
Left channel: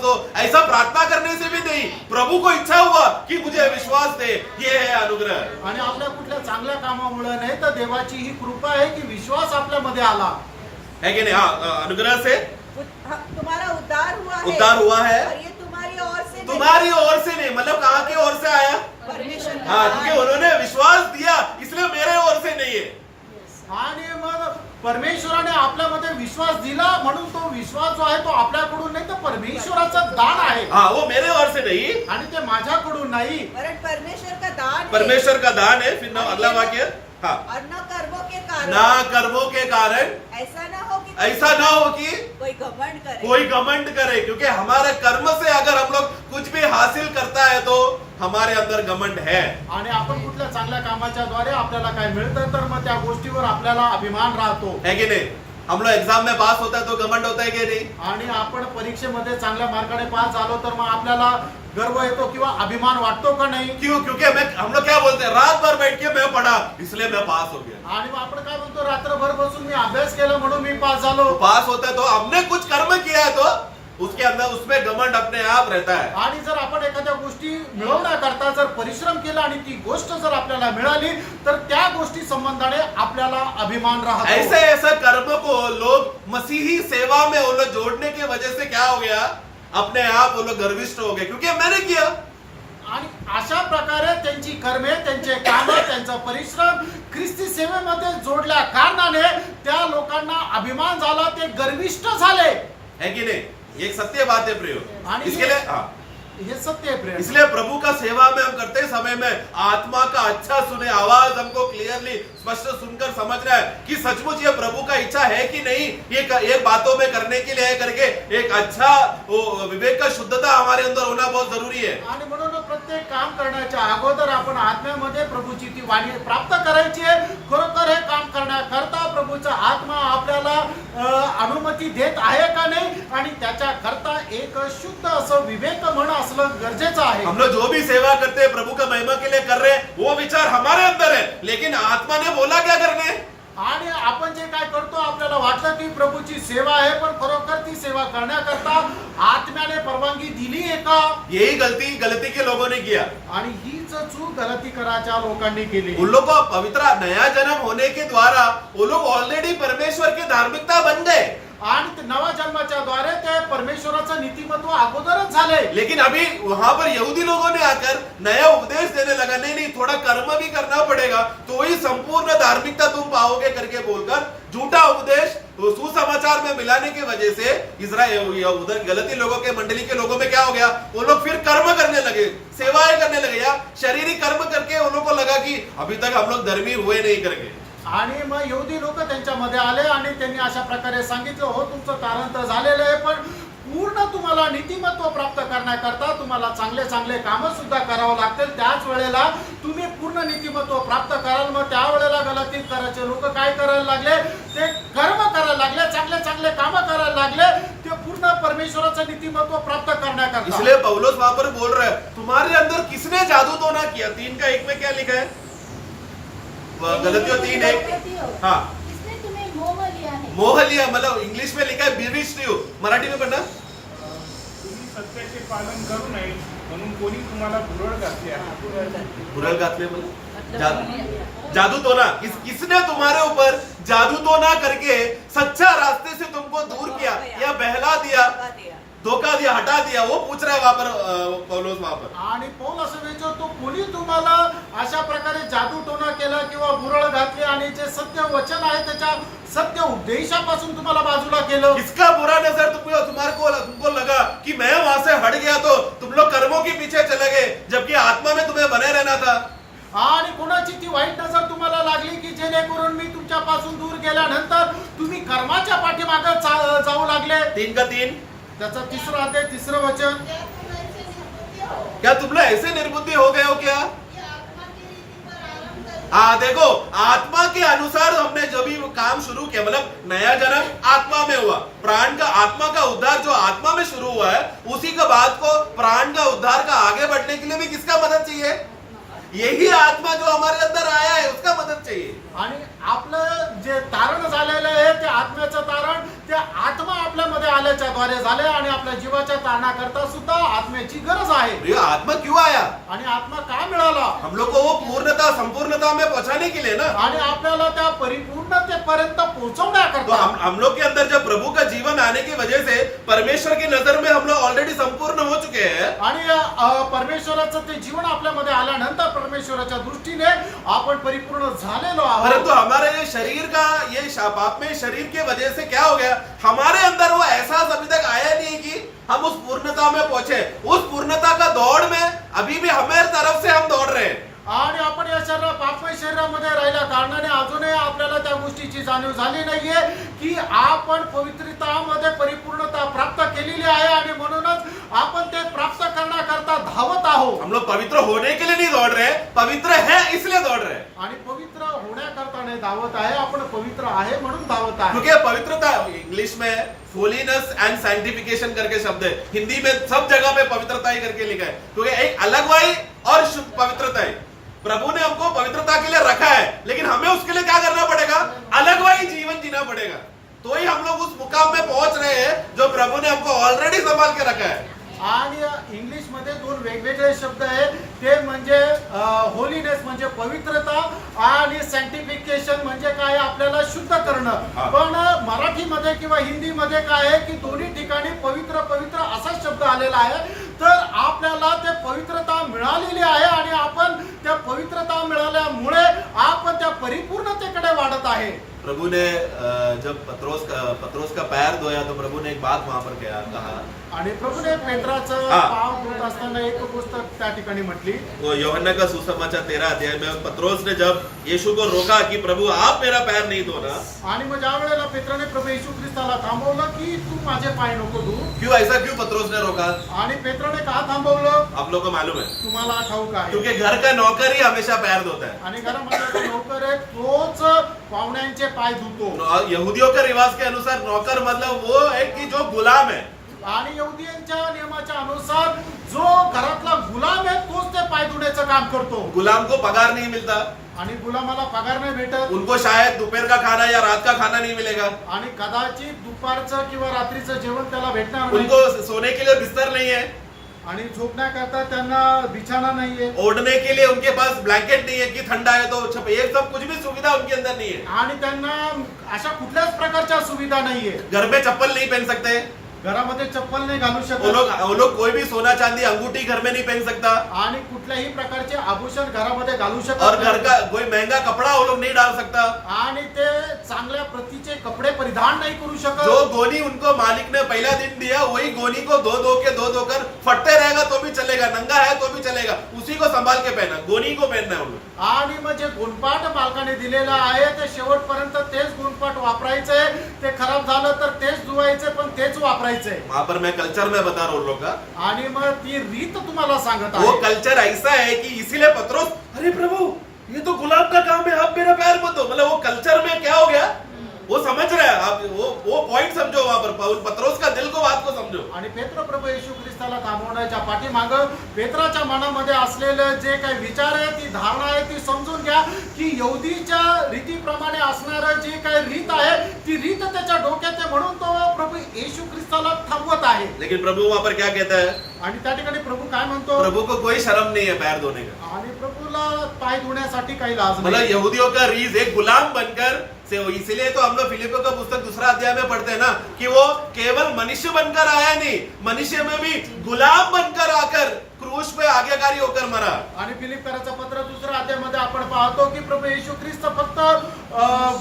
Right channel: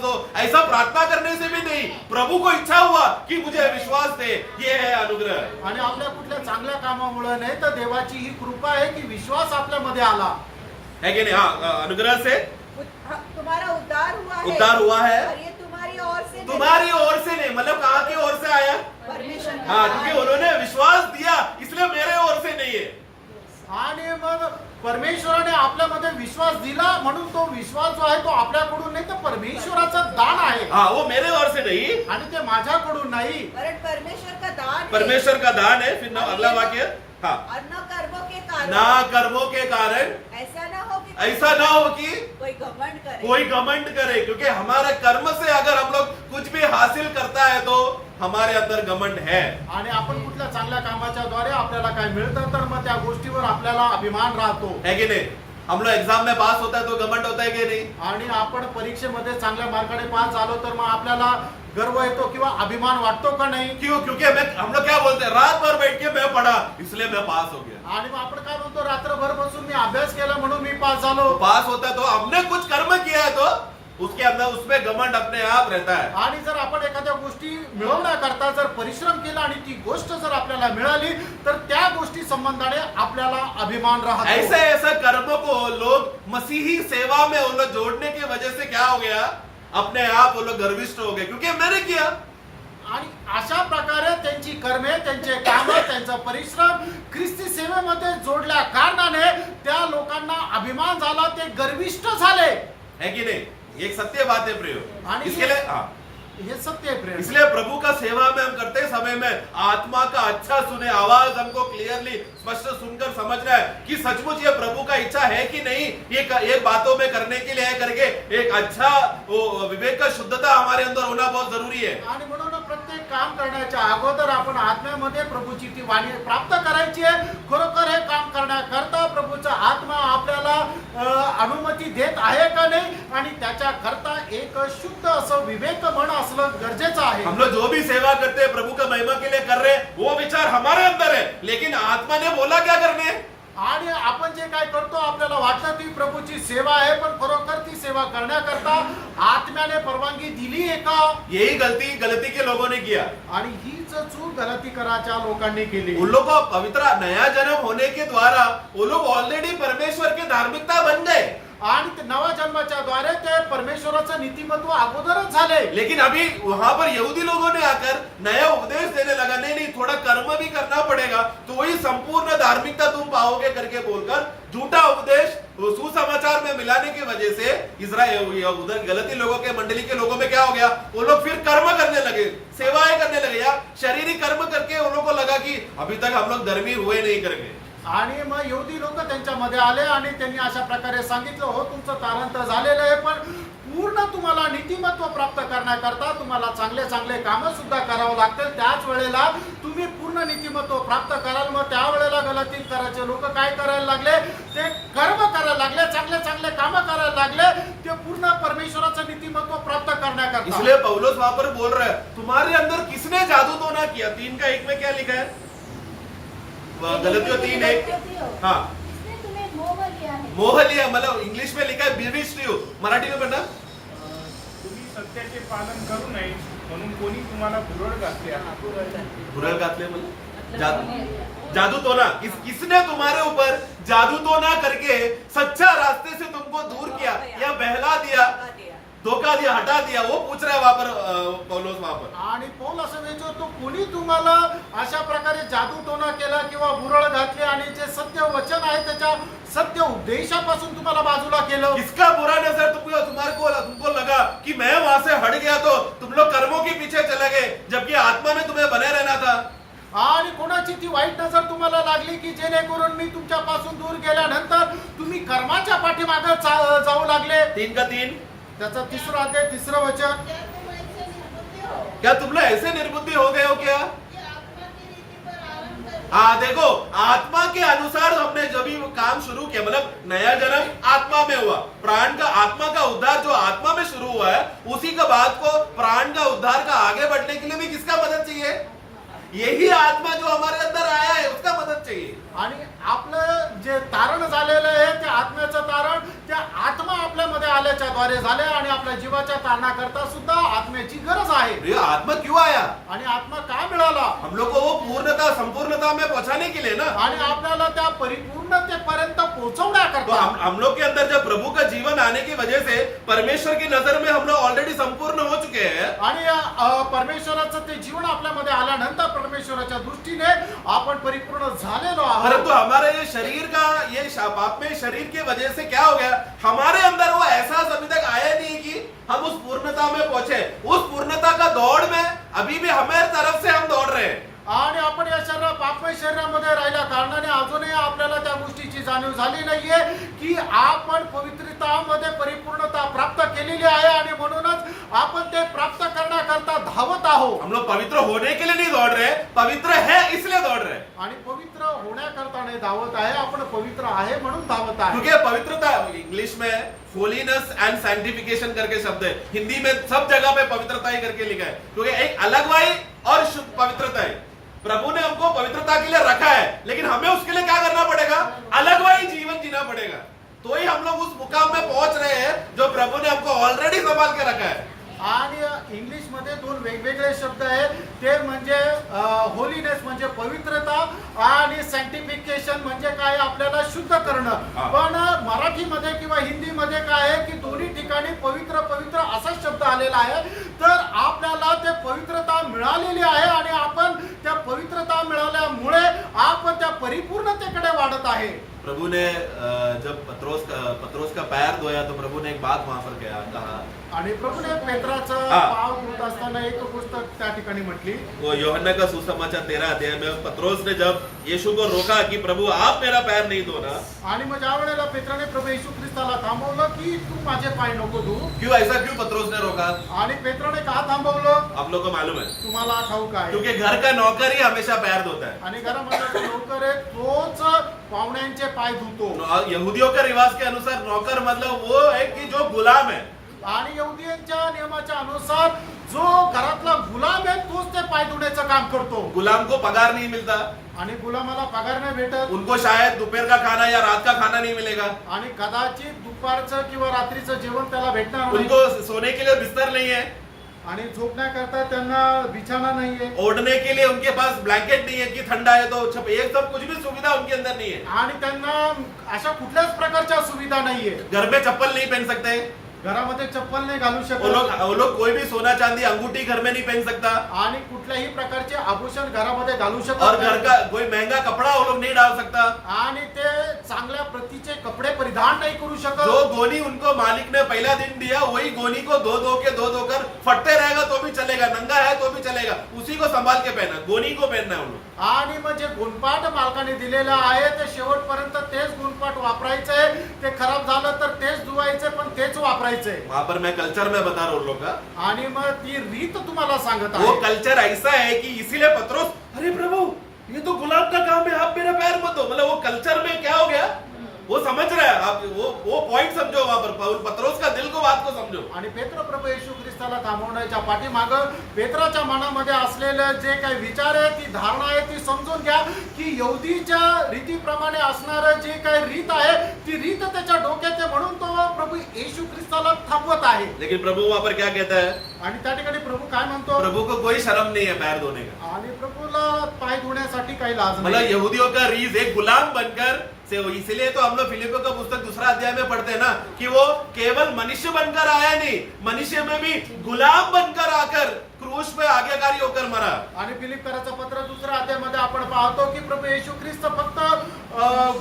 दो, ऐसा प्रार्थना करने से भी नहीं, प्रभु को इच्छा हुआ कि मुझे विश्वास दे, ये है अनुग्रह. आणि आपल्या कुठल्या चांगल्या कामामुळे नाही तर देवाची ही कृपा आहे की विश्वास आपल्यामध्ये आला है कि नहीं. हाँ, अनुग्रह से तुम्हारा उद्धार हुआ है. और ये तुम्हारी ओर से नहीं, मतलब कहाँ की ओर से आया, परमेश्वर का हाँ, क्योंकि उन्होंने विश्वास दिया इसलिए मेरे ओर से नहीं है. आणि मग परमेश्वराने आपल्यामध्ये विश्वास दिला म्हणून तो विश्वास जो आहे तो आपल्याकडून नाही तर परमेश्वराचं दान आहे. हाँ, वो मेरे ओर से नहीं, आणि ते माझ्याकडून नाही, कारण परमेश्वर का दान परमेश्वर का दान है. फिर अगला वाक्य, हाँ, और न कर्मों के कारण, ना कर्मों के कारण ऐसा ना हो कि कोई घमंड करे, क्योंकि हमारे कर्म से अगर हम लोग कुछ भी हासिल करता है तो हमारे अंदर घमंड है. आणि आपण कुठल्या चांगल्या कामाच्या द्वारे आपल्याला काय मिळतं तर मग त्या गोष्टीवर आपल्याला अभिमान राहतो. है कि नहीं. हम लोग एग्जाम में पास होता है तो घमंड होता है कि नहीं. आणि आपण परीक्षेमध्ये चांगल्या मार्काने पास झालो तर मग आपल्याला गर्व येतो किंवा अभिमान वाटतो का नाही. क्यों, क्योंकि हम लोग क्या बोलते हैं, रात भर बैठ के मैं पढ़ा इसलिए मैं पास हो गया. आणि मग आपण काय म्हणतो, रात्रभर बसून मी अभ्यास केला म्हणून मी पास झालो. पास होता है तो हमने कुछ कर्म किया है तो उसके अंदर उसमें घमंड अपने आप रहता है. आणि जर आपण एखाद्या गोष्टी मिळवण्याकरता जर परिश्रम केला आणि ती गोष्ट जर आपल्याला मिळाली तर त्या गोष्टी संबंधाने आपल्याला अभिमान राहतो. ऐसे कर्म को लोग मसीही सेवा में वो लोग जोड़ने की वजह से क्या हो गया, अपने आप वो लोग गर्विष्ठ हो गए क्योंकि मैंने किया. आणि अशा प्रकारे त्यांची कर्मे, त्यांचे काम, त्यांचा परिश्रम ख्रिस्ती सेवेमध्ये जोडल्या कारणाने त्या लोकांना अभिमान झाला, ते गर्विष्ठ झाले. है कि नहीं. ये एक सत्य बात है प्रियो। आणि इसके लिए हाँ, हे सत्य आहे प्रेम। इसलिए प्रभु का सेवा में हम करते समय में आत्मा का अच्छा सुने, आवाज हमको क्लियरली स्पष्ट सुनकर समझना है कि सचमुच ये प्रभु का इच्छा है कि नहीं, ये बातों में करने के लिए है करके एक अच्छा विवेक का शुद्धता हमारे अंदर होना बहुत जरूरी है। आणि म्हणून प्रत्येक काम करण्याच्या अगोदर आपण आत्म्यामध्ये प्रभूची ती वाणी प्राप्त करायची आहे। खरोखर हे काम करण्याकरता प्रभूचा आत्मा आपल्याला अनुमती देत आहे का नाही, आणि त्याच्याकरता एक शुद्ध असं विवेक मन असलं गरजेचं आहे। हम लोग जो भी सेवा करते हैं प्रभु का महिमा के लिए कर रहे हैं, वो विचार हमारे अंदर है, लेकिन आत्मा ने बोला क्या करने। आणि आपण जे काय करतो आपल्याला वाटतं की प्रभूची सेवा आहे, पण खरोखर ती सेवा करण्याकरता आत्म्याने परवानगी दिली आहे का? यही गलती के लोगों ने किया। आणि हीच चूक गलती करायच्या लोकांनी केली। उन लोग को पवित्र नया जन्म होने के द्वारा वो लोग ऑलरेडी परमेश्वर की धार्मिकता बन गए, आणि ते नवा जन्माच्या द्वारे ते परमेश्वराचं नीतिमत्व अगोदरच झाले। लेकिन अभी वहां पर यहूदी लोगों ने आकर नया उपदेश देने लगा, नहीं थोड़ा कर्म भी करना पड़ेगा तो ही संपूर्ण धार्मिकता तुम पाओगे करके बोलकर झूठा उपदेश सुसमाचार में मिलाने की वजह से इजराइल उधर गलती लोगों के मंडली के लोगों में क्या हो गया, वो लोग फिर कर्म करने लगे, सेवाएं करने लगे, या शारीरिक कर्म करके उन लोगों को लगा कि अभी तक हम लोग धर्मी हुए नहीं करके। आणि मग यहूदी लोक त्यांच्यामध्ये आले आणि त्यांनी अशा प्रकारे सांगितलं, हो तुमचं तारण तर झालेलं आहे, पण पूर्ण तुम्हाला नीतिमत्व प्राप्त करण्याकरता तुम्हाला चांगले चांगले कामं सुद्धा करावं लागतील, त्याच वेळेला तुम्ही पूर्ण नीतिमत्व प्राप्त कराल। मग त्यावेळेला गलतीत करायचे लोक काय करायला लागले, ते कर्म करायला लागले, चांगले चांगले कामं करायला लागले, ते पूर्ण परमेश्वराचं नीतिमत्व प्राप्त करण्याकरता। इसलिए पौलुस वहां पर बोल रहा है, तुम्हारे अंदर किसने जादू तो ना किया। 3 का 1 में क्या लिखा है, गलतियों 3:1। हाँ, इसने तुम्हें मोह लिया है। मोह लिया, मतलब इंग्लिश में लिखा है bewitched you, मराठी में पढ़ना। तुम्ही सत्याचे पालन करू नये म्हणून कोणी तुम्हाला भुरळ घातली आहे। भुरळ घातले मतलब जादू तो ना, किसने तुम्हारे ऊपर जादू तो ना करके सच्चा रास्ते से तुमको दूर किया या बहला दिया, धोखा दिया, हटा दिया, वो पूछ रहा है वहां पर पौलुस वहां पर। आणि पौल असं विचारतो, कोणी तुम्हाला अशा प्रकारे जादू टोना केला किंवा बुरळ घातली आणि जे सत्य वचन आहे त्याच्या सत्य उपदेशापासून तुम्हाला बाजूला केलं। किसका बुरा नजर तुमको लगा कि मैं वहां से हट गया तो तुम लोग कर्मों के पीछे चले गए, जबकि आत्मा में तुम्हें बने रहना था। आणि कोणाची ती वाईट नजर तुम्हाला लागली की जेणेकरून मी तुमच्यापासून दूर गेल्यानंतर तुम्ही कर्माच्या पाठीमागे जाऊ लागले। 3 का 3, त्याचा 3रा अध्याय 3रं वचन। क्या तुम ऐसे निर्बुद्धि हो? क्या तुम लोग ऐसे निर्बुद्धि हो गए हो क्या। ये आत्मा की रीति पर आरंभ करके हाँ देखो, आत्मा के अनुसार हमने जो भी काम शुरू किया, मतलब नया जन्म आत्मा में हुआ, प्राण का आत्मा का उद्धार जो आत्मा में शुरू हुआ है, उसी के बाद को प्राण का उद्धार का आगे बढ़ने के लिए भी किसका मदद चाहिए, यही आत्मा जो हमारे अंदर आया है उसका मदद चाहिए। आणि आपलं जे तारण झालेलं आहे ते आत्म्याचं तारण त्या आत्मा आपल्यामध्ये आल्याच्या द्वारे झाले, आणि आपल्या जीवाच्या तारणाकरता सुद्धा आत्म्याची गरज आहे। ये आत्मा क्यों आया, आणि आत्मा का मिळाला, हम लोग को वो पूर्णता संपूर्णता में पहुंचाने के लिए ना। आणि आपल्याला त्या परिपूर्णतेपर्यंत तो पोहोचवण्याकरता। हम लोग के अंदर जब प्रभु का जीवन आने की वजह से परमेश्वर की नजर में हम लोग ऑलरेडी संपूर्ण हो चुके हैं, आणि परमेश्वराचं ते जीवन आपल्यामध्ये आल्यानंतर परमेश्वराच्या दृष्टीने आपण परिपूर्ण झालेलो आहोत। परंतु हमारे ये शरीर का ये पाप में शरीर के वजह से क्या हो गया, हमारे अंदर वो एहसास अभी तक आया नहीं कि हम उस पूर्णता में पहुंचे। उस पूर्णता का दौड़ में अभी भी हमारे तरफ से हम दौड़ रहे हैं। आणि आपण या पापमय शरीरामध्ये राहिल्या कारणाने अजूनही आपल्याला त्या गोष्टीची जाणीव झाली नाहीये की आपण पवित्रतामध्ये परिपूर्णता प्राप्त केलेली आहे, आणि म्हणूनच आपण ते प्राप्त करण्याकरता धावत आहोत। हम लोग पवित्र होने के लिए नहीं दौड़ रहे, पवित्र है इसलिए दौड़ रहे हैं। आणि पवित्र होण्याकरता नाही धावत आहे, आपण पवित्र आहे म्हणून धावत आहे। क्योंकि पवित्रता इंग्लिश में होलीनेस एंड सैंक्टिफिकेशन करके शब्द है, हिंदी में सब जगह पे पवित्रता ही करके लिखा है, क्योंकि एक अलगवाई और शुद्ध पवित्रता है। प्रभु ने हमको पवित्रता के लिए रखा है, लेकिन हमें उसके लिए क्या करना पड़ेगा, अलगवाई जीवन जीना पड़ेगा, तो ही हम लोग उस मुकाम में पहुंच रहे हैं जो प्रभु ने हमको ऑलरेडी संभाल के रखा है। आणि इंग्लिश मध्ये 2 वेगवेगळे शब्द आहेत, ते म्हणजे होलीनेस म्हणजे पवित्रता आणि सॅन्क्टिफिकेशन म्हणजे काय, आपल्याला शुद्ध करणं। पण मराठीमध्ये किंवा हिंदीमध्ये काय आहे की दोन्ही ठिकाणी पवित्र पवित्र असा शब्द आलेला आहे, तर आपल्याला ते पवित्रता मिळालेली आहे, आणि आपण त्या पवित्रता मिळाल्यामुळे आपण त्या परिपूर्णतेकडे वाढत आहे। प्रभु ने जब पत्रोस का पैर धोया तो प्रभु ने एक बात वहां पर कहा आणि प्रभूने पेत्राचं हा. पाव धुत असताना एक गोष्ट त्या ठिकाणी म्हटली. वो यूहन्ना का सुसमाचार 13 अध्याय में पत्रोस ने जब यीशु को रोका कि प्रभु आप मेरा पैर नहीं धोना, आणि मग ज्या वेळेला पेत्राने प्रभू येशू ख्रिस्ताला थांबवलं की तू माझे पाय नको धू. क्यों ऐसा क्यों पत्रोस ने रोका? आणि पेत्राने का थांबवलं आप लोग को मालूम है, तुम्हाला ठाऊक आहे. क्योंकि घर का नौकर ही हमेशा पैर धोता है. आणि घरामध्ये जो नोकर आहे तोच पाहुण्यांचे पाय धुतो. यहूदियों के रिवाज के अनुसार नौकर मतलब वो है कि जो गुलाम है. आणि यहुदीयांच्या नियमाच्या अनुसार जो घरातला गुलाम आहे तोच ते पाय धुण्याचं काम करतो. गुलाम को पगार नहीं मिलता, आणि गुलामाला पगार नाही भेटत. उनको शायद दोपहर का खाना या रात का खाना नहीं मिलेगा, आणि कदाचित दुपारचं किंवा रात्रीचं जेवण त्याला भेटणार नाही. उनको सोने के लिए बिस्तर नहीं है, आणि झोपण्याकरता त्यांना बिछाना नाहीये. ओढ़ने के लिए उनके पास ब्लैंकेट नहीं है कि ठंडा है तो एक सब कुछ भी सुविधा उनके अंदर नहीं है. आणि त्यांना अशा कुठल्याच प्रकारच्या सुविधा नाहीये. घर में चप्पल नहीं पहन सकते, घरामध्ये चप्पल नाही घालू वो शकत. लोग कोई भी सोना चांदी अंगूठी घर में नहीं पहन सकता, आणि कुठल्याही प्रकारचे आभूषण घरामध्ये घालू शकत और घर नाही. का कोई महंगा कपड़ा वो लोग नहीं डाल सकता. आणि ते चांगल्या प्रतीचे कपडे परिधान नाही करू शकत. जो गोनी उनको मालिक ने पहला दिन दिया वही गोनी को धो कर फटते रहेगा तो भी चलेगा, नंगा है तो भी चलेगा, उसी को संभाल के पहना, गोनी को पहनना है उन लोग. आणि मग जे गुणपाठ मालकाने दिलेलं आहे ते शेवटपर्यंत तेच गुणपाठ वापरायचंय. ते खराब झालं तर तेच धुवायचे पण तेच वापरायचंय. वहां पर मैं कल्चर में बता रहा हूं उन लोग का. आणि मग ती रीत तुम्हाला सांगत वो आहे. कल्चर ऐसा है कि इसीलिए पत्रोस, अरे प्रभु ये तो गुलाब का काम है, आप मेरा पैर मत धो. मतलब वो कल्चर में क्या हो गया, वो समझ रहे हैं आप, वो पॉइंट समझो वहां पर पत्रोस का दिल को बात को समझो. आणि पेत्र प्रभू येशू ख्रिस्ताला थांबवण्याच्या पाठीमाग पेत्राच्या मनामध्ये असलेलं जे काही विचार आहे, ती धारणा आहे, ती समजून घ्या की यहुदीच्या रीतीप्रमाणे असणारं जे काही रीत आहे ती रीत त्याच्या डोक्यात आहे, म्हणून तो प्रभू येशू ख्रिस्ताला थांबवत आहे. लेकिन प्रभु वहां पर क्या कहता है, आणि त्या ठिकाणी प्रभू काय म्हणतो, प्रभु को कोई शर्म नहीं है पैर धोने का. आणि प्रभूला पाय धुण्यासाठी काही लाज मतलब नाही. यहूदियों का रीज एक गुलाम बनकर से, इसीलिए तो हम लोग फिलिपियों का पुस्तक 2 अध्याय में पढ़ते हैं ना कि वो केवल मनुष्य बनकर आया नहीं, मनुष्य में भी गुलाम बनकर आकर क्रूस पे आज्ञाकारी होकर मरा. आणि फिलिप्पीचं पत्र 2 अध्यायामध्ये आपण पाहतो की प्रभू येशू ख्रिस्त फक्त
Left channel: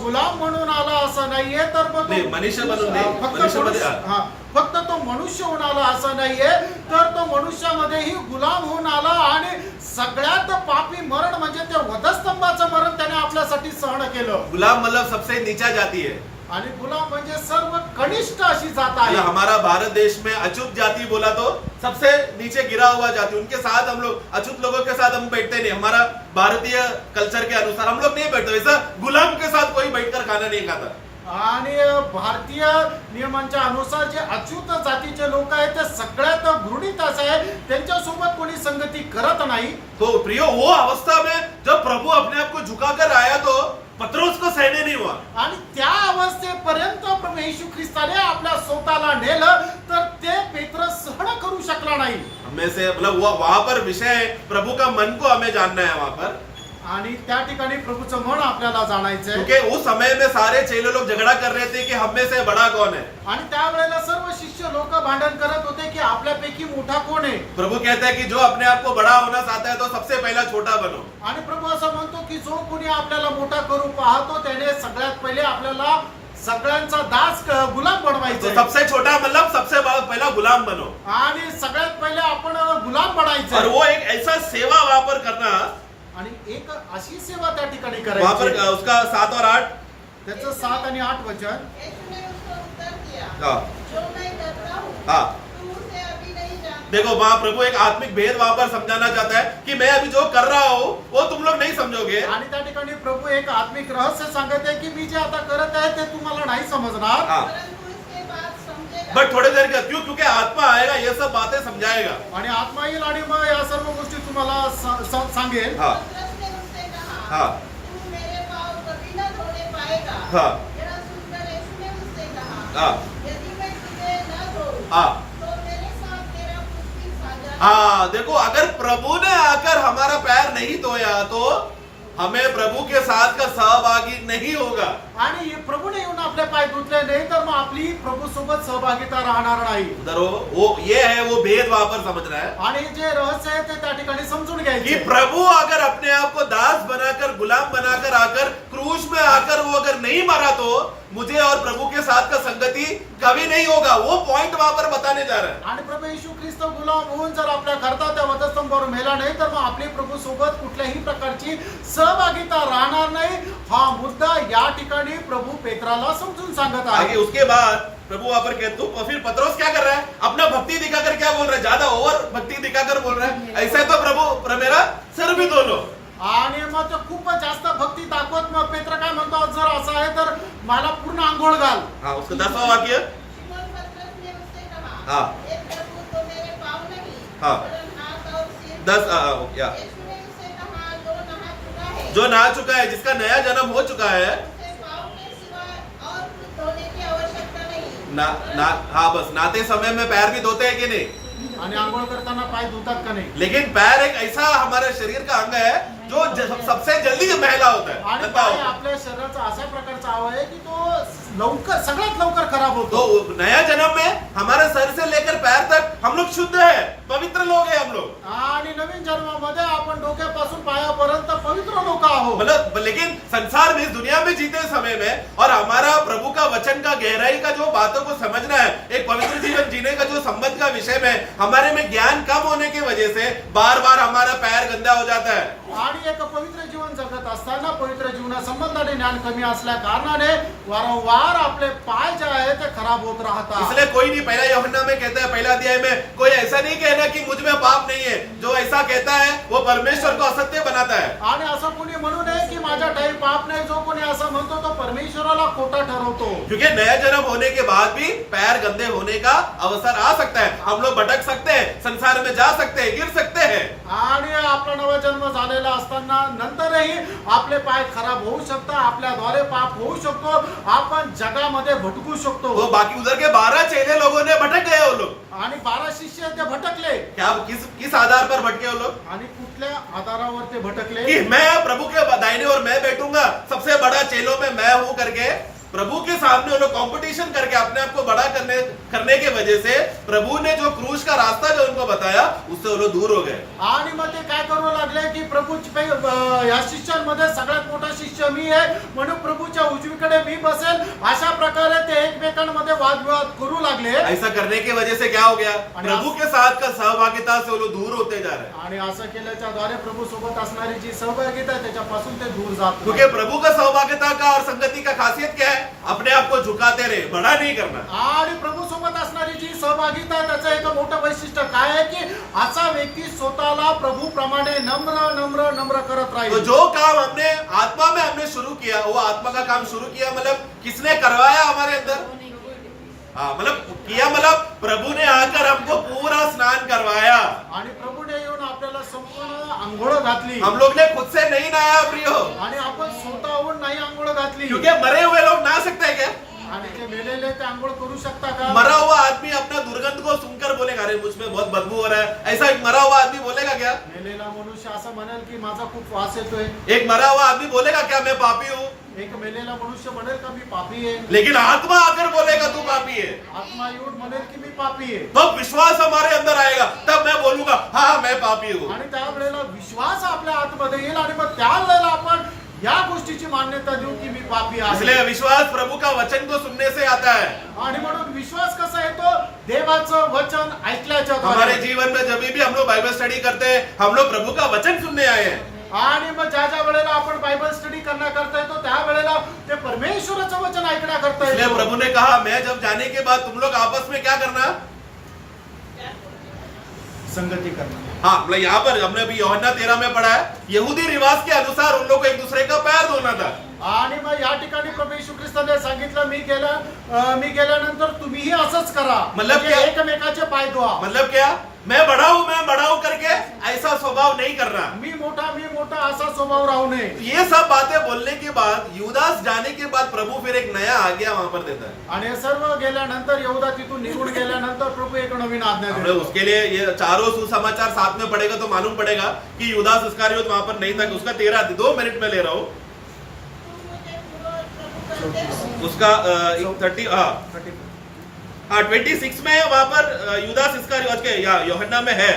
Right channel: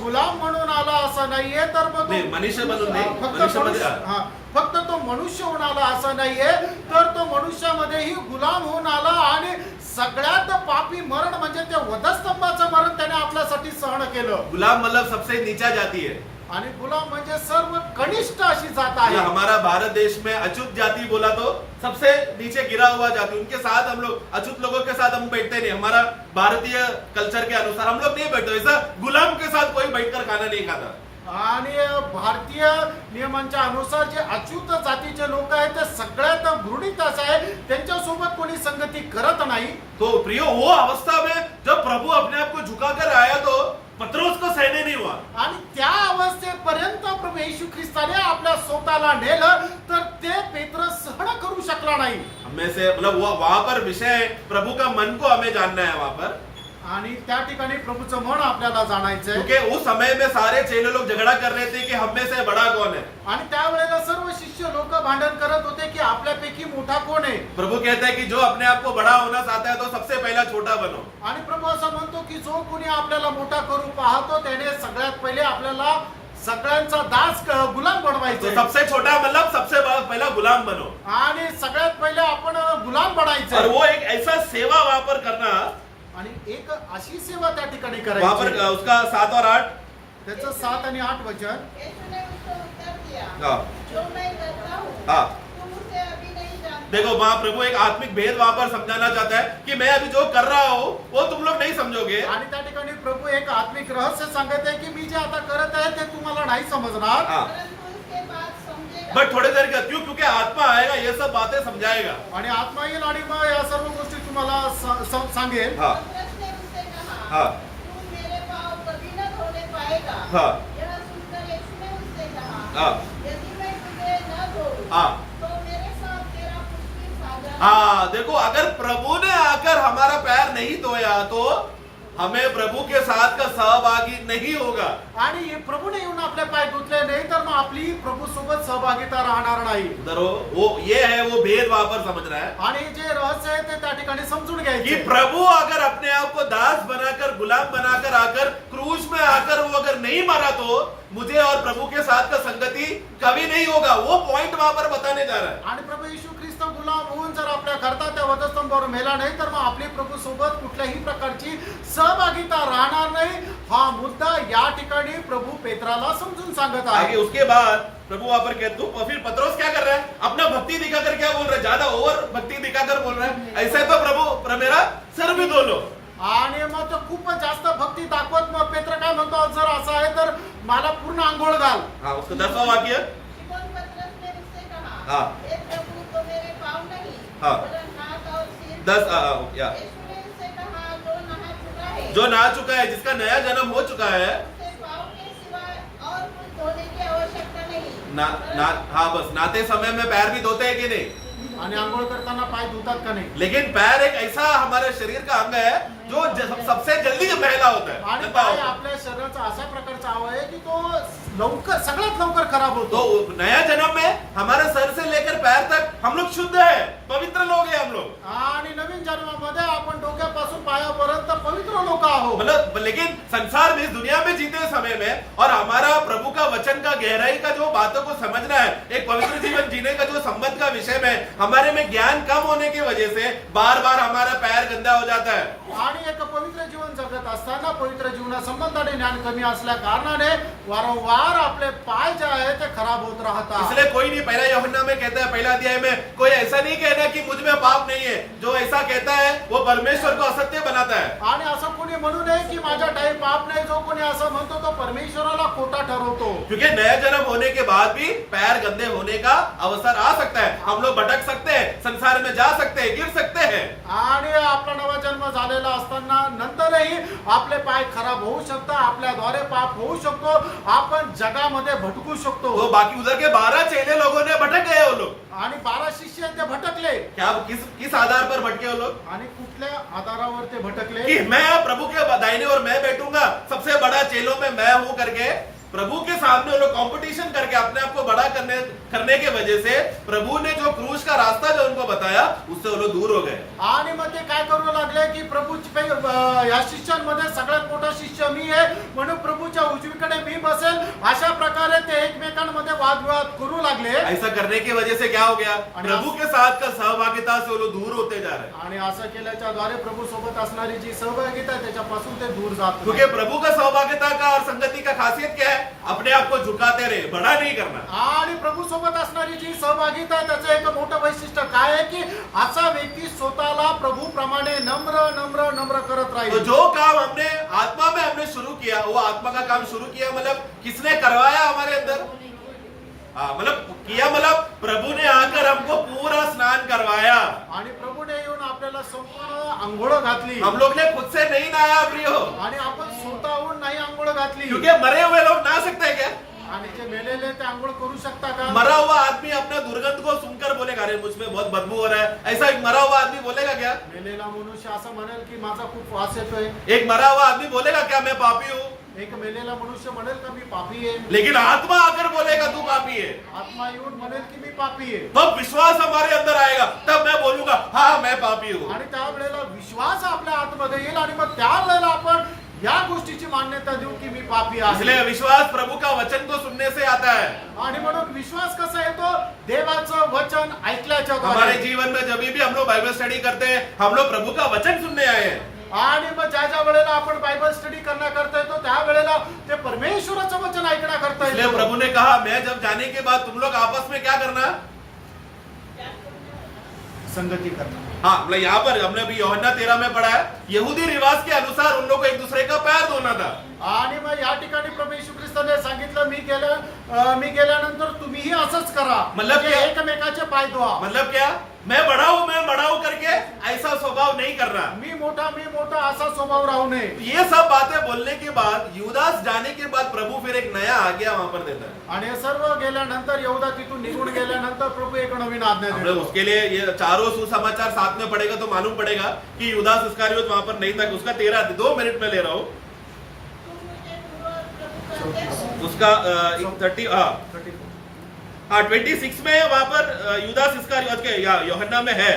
गुलाम म्हणून आला असं नाहीये, तर मग नाही, मनुष्य बनून नाही, फक्त मनुष्यामध्ये मनुष्य- हा, फक्त तो मनुष्य होऊन आला असं नाहीये, तर तो मनुष्यामध्येही गुलाम होऊन आला. आणि सगळ्यात पापी मरण म्हणजे ते वधस्तंभाचं मरण त्याने आपल्यासाठी सहन केलं. गुलाम मतलब सबसे नीचा जाती है. आणि गुलाम म्हणजे सर्व कनिष्ठ अशी जात आहे. मतलब हमारा भारत देश में अछूत जाति बोला तो सबसे नीचे गिरा हुआ जाति, उनके साथ हम लोग, अछूत लोगों के साथ हम बैठते नहीं. हमारा भारतीय कल्चर के अनुसार हम लोग नहीं बैठते, वैसा गुलाम के साथ कोई बैठकर खाना नहीं खाता. आणि भारतीय नियमांच्या अनुसार जे अच्युत जातीचे लोक आहेत ते सगळ्यात घृणित असं आहे, त्यांच्यासोबत कोणी संगती करत नाही. तो प्रियो वो अवस्था में जब प्रभु अपने आप को झुकाकर आया तो पत्रोस को सहने नहीं हुआ. आणि त्या अवस्थेपर्यंत प्रभू येशू ख्रिस्ताने आपल्या स्वतःला नेलं, तर ते पेत्र सहन करू शकला नाही. हमें से मतलब वहां पर विषय है, प्रभु का मन को हमें जानना है वहां पर. आणि त्या ठिकाणी प्रभूचं मन आपल्याला जाणायचंय. क्योंकि उस समय में सारे चेले लोग झगड़ा कर रहे थे कि हम में से बड़ा कौन है. आणि त्यावेळेला सर्व शिष्य लोक भांडण करत होते की आपल्यापैकी मोठा कोण आहे. प्रभु कहता है कि जो अपने आप को बड़ा होना चाहता है तो सबसे पहला छोटा बनो. आणि प्रभू असं म्हणतो की जो कोणी आपल्याला मोठा करू पाहतो त्याने सगळ्यात पहिले आपल्याला सगळ्यांचा दास गुलाम तो बनवायचा. सबसे छोटा मतलब सबसे पहला गुलाम बनो. आणि सगळ्यात पहिले आपण गुलाम और बनायचं. वो एक ऐसा सेवा वहां पर करना, आणि एक अशी सेवा त्या ठिकाणी वहां पर करायची. उसका 7 और 8. त्याचं 7 आणि 8 वचन. यीशु ने उसको उत्तर दिया, हाँ. जो मैं करता हूँ हाँ. तू उसे अभी नहीं जानता. देखो वहां प्रभु एक आत्मिक भेद वहां पर समझाना चाहता है कि मैं अभी जो कर रहा हूं वो तुम लोग नहीं समझोगे. आणि त्या ठिकाणी प्रभू एक आत्मिक रहस्य सांगत आहे की मी जे आता करत आहे ते तुम्हाला नाही समजणार. हाँ. परंतु इसके बाद समझेगा. बट थोड़ी देर का क्यों, क्योंकि आत्मा आएगा ये सब बातें समझाएगा. आणि आत्मा येईल आणि मग या सर्व गोष्टी तुम्हाला सांगेल. हाँ. पतरस ने उससे कहा, हाँ. तू मेरे पाँव कभी न धोने पाएगा. हाँ. यह सुनकर यीशु ने उससे कहा, हाँ. यदि मैं तुझे न धोऊं, हाँ. तो मेरे साथ तेरा कुछ भी साझा हाँ देखो, अगर प्रभु ने आकर हमारा पैर नहीं धोया तो हमें प्रभु के साथ का सहभागी नहीं होगा। आणि हे प्रभूने येऊन आपले पाय धुतले नाही तर मग आपली प्रभू सोबत सहभागिता राहणार नाही. उधर वो ये है, वो भेद वहां पर समझ रहा है आणि जे रहस्य आहे ते त्या ठिकाणी समजून कि घ्यायचे. प्रभु अगर अपने आप को दास बनाकर, गुलाम बनाकर आकर क्रूस में आकर वो अगर नहीं मरा तो मुझे और प्रभु के साथ का संगति कभी नहीं होगा. वो पॉइंट वहां पर बताने जा रहा है. आणि प्रभू येशू ख्रिस्त गुलाम होऊन जर आपल्या करता त्या वधस्तंभावर मेला नाही तर मग आपली प्रभू सोबत कुठल्याही प्रकारची सहभागिता राहणार नाही. हा मुद्दा या ठिकाणी प्रभु पेत्राला समजून सांगत आगे आहे. उसके बाद प्रभु वहां पर कहते हो, फिर पतरस क्या कर रहा है? अपना भक्ति दिखाकर क्या बोल रहा है? ज्यादा ओवर भक्ति दिखाकर बोल रहा है, ऐसे तो प्रभु मेरा सर भी धो लो. आणि मग तो खूप जास्त भक्ती दाखवत मग पेत्र काय म्हणतो, जर असं आहे तर मला पूर्ण आंघोळ घाल. हाँ, उसका 10वां वाक्य. शिमोन पतरस ने उससे कहा, हाँ. हे प्रभु, तो मेरे पाँव नहीं, हाँ. वरन हाथ और सिर. 10 या यीशु ने उससे कहा, जो नहा चुका है, जो नहा चुका है, जिसका नया जन्म हो चुका है, उसे पाँव के सिवाय और कुछ धोने की आवश्यकता नहीं. हाँ बस नहाते समय में पैर भी धोते हैं कि नहीं? आणि आंघोळ करताना पाय धुतात का नाही. लेकिन पैर एक ऐसा हमारे शरीर का अंग है जो सबसे जल्दी मैला होता है, आणि गंदा पाय होता है. आपल्या शरीराचा अशा प्रकारचा अवयव आहे की तो लवकर सगळ्यात लवकर खराब होतो. तो नया जन्म में हमारे सर से लेकर पैर तक हम लोग शुद्ध है, पवित्र लोग हैं हम लोग. आणि नवीन जन्मामध्ये आपण डोक्यापासून पायापर्यंत पवित्र लोक आहोत. मतलब लेकिन संसार में, इस दुनिया में जीते समय में और हमारा प्रभु का वचन का गहराई का जो बातों को समझना है, एक पवित्र जीवन जीने का जो संबंध का विषय में हमारे में ज्ञान कम होने की वजह से बार बार हमारा पैर गंदा हो जाता है. आणि एक पवित्र जीवन जगत असताना पवित्र जीवना संबंधाने ज्ञान कमी असल्या कारणाने वारंवार आपले पाय जे आहे ते खराब होत राहतात. इसलिए कोई नहीं, पहला यूहन्ना में कहता है, पहला अध्याय में, कोई ऐसा नहीं कहना कि मुझ में पाप नहीं है. जो ऐसा कहता है वो परमेश्वर को असत्य बनाता है. आणि असं कोणी म्हणू नये की माझ्या काही पाप नाही. जो कोणी असं म्हणतो तो परमेश्वराला खोटा ठरवतो. क्योंकि नया जन्म होने के बाद भी पैर गंदे होने का अवसर आ सकता है. हम लोग भटक सकते हैं, संसार में जा सकते हैं, गिर सकते हैं. आणि आपला नवा जन्म झालेला असताना नंतरही आपले पाय खराब होऊ शकतात. आपल्याद्वारे पाप होऊ शकतो. आपण जगामध्ये भटकू शकतो. तो बाकी उधर के 12 चेले लोगों ने भटक गए वो लोग. आणि 12 शिष्य ते भटकले. क्या किस आधार पर भटके वो लोग? आणि कुठल्या आधारावर ते भटकले? कि मैं प्रभु के दाहिने और मैं बैठूंगा, सबसे बड़ा चेलों में मैं हूं करके प्रभु के सामने वो लोग कंपटीशन करके अपने आप को बड़ा करने के वजह से प्रभु ने जो क्रूस का रास्ता जो उनको बताया उससे वो लोग दूर हो गए. आणि मग ते काय करू लागले की या शिष्यांमध्ये सगळ्यात मोठा शिष्य मी आहे म्हणून प्रभूच्या उजवीकडे मी बसेल, अशा प्रकारे ते एकमेकांमध्ये वादविवाद करू लागले. ऐसा करने की वजह से क्या हो गया? प्रभु के साथ का सहभागिता से वो लोग दूर होते जा रहे हैं. आणि असं केल्याच्या द्वारे प्रभू सोबत असणारी जी सहभागिता आहे त्याच्यापासून ते दूर जात क्योंकि प्रभु का सहभागिता का और संगति का खासियत क्या है? अपने आप को झुकाते रहे, बड़ा नहीं करना. आणि प्रभू सोबत असणारी जी सहभागिता आहे त्याचं एक मोठं वैशिष्ट्य काय आहे की असा व्यक्ती स्वतःला प्रभू प्रमाणे नम्र नम्र नम्र करत तो राहील. जो काम हमने आत्मा में हमने शुरू किया, वो आत्मा का काम शुरू किया मतलब किसने करवाया हमारे अंदर? हाँ, मतलब किया मतलब प्रभु ने आकर हमको पूरा स्नान करवाया. आणि प्रभूने येऊन आपल्याला संपूर्ण आंघोळ घातली. हम लोग ने खुद से नहीं नहाया प्रियो, आणि आपण स्वतःहून नाही आंघोळ घातली. क्योंकि मरे हुए लोग नहा सकते हैं क्या? आणि ते मेलेले ते आंघोळ करू शकता का? मरा हुआ आदमी अपना दुर्गंध को सुनकर बोलेगा, अरे मुझमें बहुत बदबू हो रहा है, ऐसा एक मरा हुआ आदमी बोलेगा क्या? मेलेला मनुष्य असं म्हणेल की माझा खूप वास येतोय. एक मरा हुआ आदमी बोलेगा क्या मैं पापी हूँ? एक मेलेला मनुष्य म्हणेल का मी पापी आहे. लेकिन आत्मा आकर बोलेगा तू पापी है. आत्मा येऊन म्हणेल की मी पापी आहे. तब विश्वास हमारे अंदर आएगा, तब मैं बोलूंगा हाँ मैं पापी हूँ. आणि त्यावेळेला विश्वास आपल्या आतमध्ये येईल आणि मग त्यावेळेला आपण या गोष्टीची मान्यता देऊ की मी पापी आहे. इसलिए विश्वास प्रभु का वचन को सुनने से आता है. आणि म्हणून विश्वास कसा येतो? देवाचं वचन ऐकल्याच्या हमारे द्वारे. जीवन में जब भी हम लोग बाइबल स्टडी करते हैं, हम लोग प्रभु का वचन सुनने आए हैं. आणि मग ज्या ज्या वेळेला आपण बायबल स्टडी करण्याकरता येतो त्या वेळेला ते परमेश्वराचं वचन ऐकण्याकरता इसलिए येतो. प्रभु ने कहा मैं जब जाने के बाद तुम लोग आपस में क्या करना? संगती करणार. हाँ, मतलब यहाँ पर हमने अभी यूहन्ना 13 में पढ़ा है, यहूदी रिवाज के अनुसार उन लोग को एक दूसरे का पैर धोना था. आणि मग या ठिकाणी प्रभू येशू ख्रिस्ताने सांगितलं मी गेल्यानंतर तुम्हीही असंच करा. मतलब म्हणजे क्या? एकमेकाचे पाय धुवा. मतलब क्या? मैं बड़ा हूं करके ऐसा स्वभाव नहीं करना। मी मोठा असा स्वभाव राहू नये. ये सब बातें बोलने के बाद युदास जाने के बाद प्रभु फिर एक नया आज्ञा वहां पर देता है। आणि हे सर्व गेल्यानंतर यहूदा तिथून निघून गेल्यानंतर प्रभू एक नवीन आज्ञा हमने देतो. उसके लिए ये चारों सुसमाचार साथ में पढ़ेगा तो मालूम पड़ेगा कि युदास इस्करियोत वहां पर नहीं था। उसका 2 मिनट में ले रहा हूं। तुम मुझे पूर्ववत प्रभु कहते हो। उसका 30 हाँ 26 में वहां पर युदास इस्करियोत के या यूहन्ना में है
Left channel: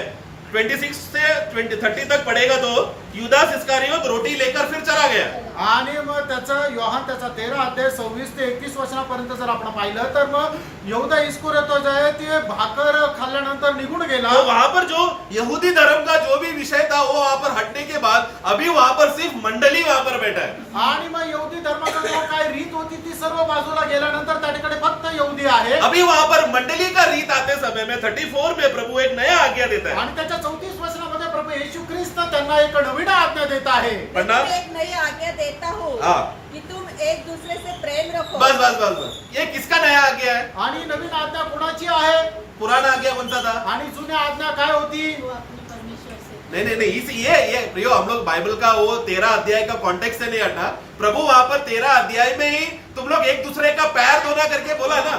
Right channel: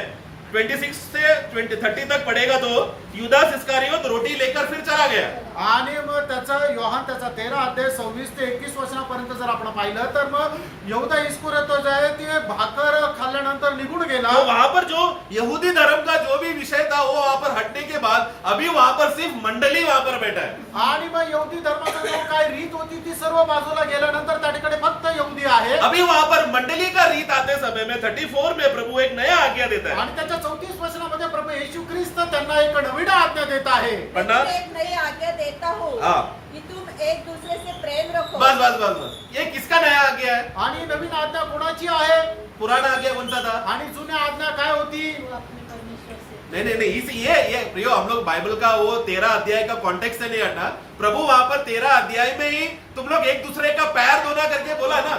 26 से 30 तक पढ़ेगा तो युदास इस्करियोत रोटी लेकर फिर चला गया। आणि मग त्याचं योहान त्याचा 13 अध्याय 26 ते 31 वचनापर्यंत जर आपण पाहिलं तर मग यहूदा इस्करियोत जो आहे ते भाकर खाल्ल्यानंतर निघून गेला. तो वहां पर जो यहूदी धर्म का जो भी विषय था वो वहां पर हटने के बाद अभी वहां पर सिर्फ मंडली वहां पर बैठा है। आणि मग यहूदी धर्माचा जो काय रीत होती ती सर्व बाजूला गेल्यानंतर त्या ठिकाणी फक्त यहूदी आहे. अभी वहां पर मंडली का रीत आते समय में 34 में प्रभु एक नया आज्ञा देता है। आणि त्याच्या 34 वचनामध्ये प्रभू येशू ख्रिस्त त्यांना एक नवीन आज्ञा देत आहे. पढ़ना एक नई आज्ञा देता हूँ हाँ। कि तुम एक दूसरे से प्रेम रखो। बस ये किसका नया आज्ञा है? आणि नवीन आज्ञा कोणाची आहे? पुराना आज्ञा कौन सा था? आणि जुन्या आज्ञा काय होती? वो अपने परमेश्वर से नहीं ये प्रियो हम लोग बाइबल का वो 13 अध्याय का कॉन्टेक्स्ट से नहीं हटा। प्रभु वहां पर 13 अध्याय में ही तुम लोग एक दूसरे का पैर धोना करके बोला ना,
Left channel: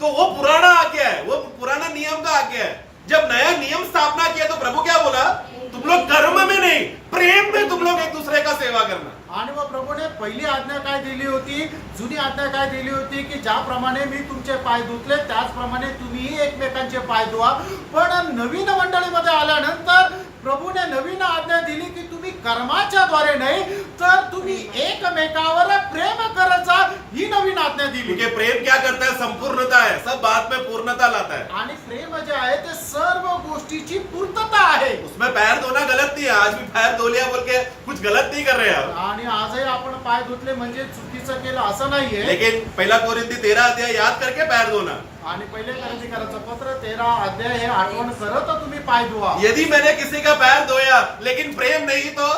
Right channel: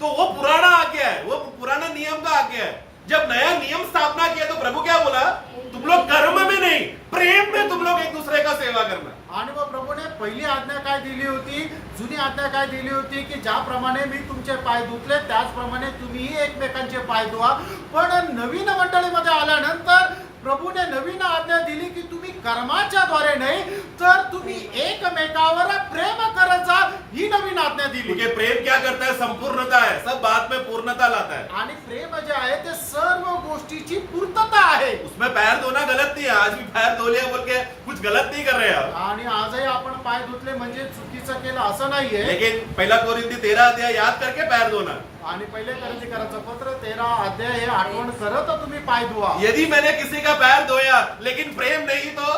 तो वो पुराना आज्ञा है, वो पुराना नियम का आज्ञा है। जब नया नियम स्थापना किया तो प्रभु क्या बोला? तुम लोग कर्म में नहीं प्रेम में तुम लोग एक दूसरे का सेवा करना। आणि मग प्रभूने पहिली आज्ञा काय दिली होती? जुनी आज्ञा काय दिली होती की ज्याप्रमाणे मी तुमचे पाय धुतले त्याचप्रमाणे तुम्हीही एकमेकांचे पाय धुवा. पण नवीन मंडळीमध्ये आल्यानंतर प्रभूने नवीन आज्ञा दिली की तुम्ही कर्माच्या द्वारे नाही तर तुम्ही एकमेकावर प्रेम करत जा, ही नवीन आज्ञा दिली. क्योंकि प्रेम क्या करता है? संपूर्णता है, सब बात में पूर्णता लाता है। आणि प्रेम जे आहे ते सर्व गोष्टीची पूर्तता आहे. उसमें पैर धोना गलत नहीं है, आज भी पैर धो लिया बोल के कुछ गलत नहीं कर रहे हैं। आणि आजही आपण पाय धुतले म्हणजे चुकीचं केलं असं नाहीये. लेकिन पहला कोरिंथी 13 अध्याय याद करके पैर धोना। आणि पहिले करंथीकरांचं पत्र 13 अध्याय हे आठवण करत तुम्ही पाय धुवा. यदि मैंने किसी का पैर धोया लेकिन प्रेम नहीं तो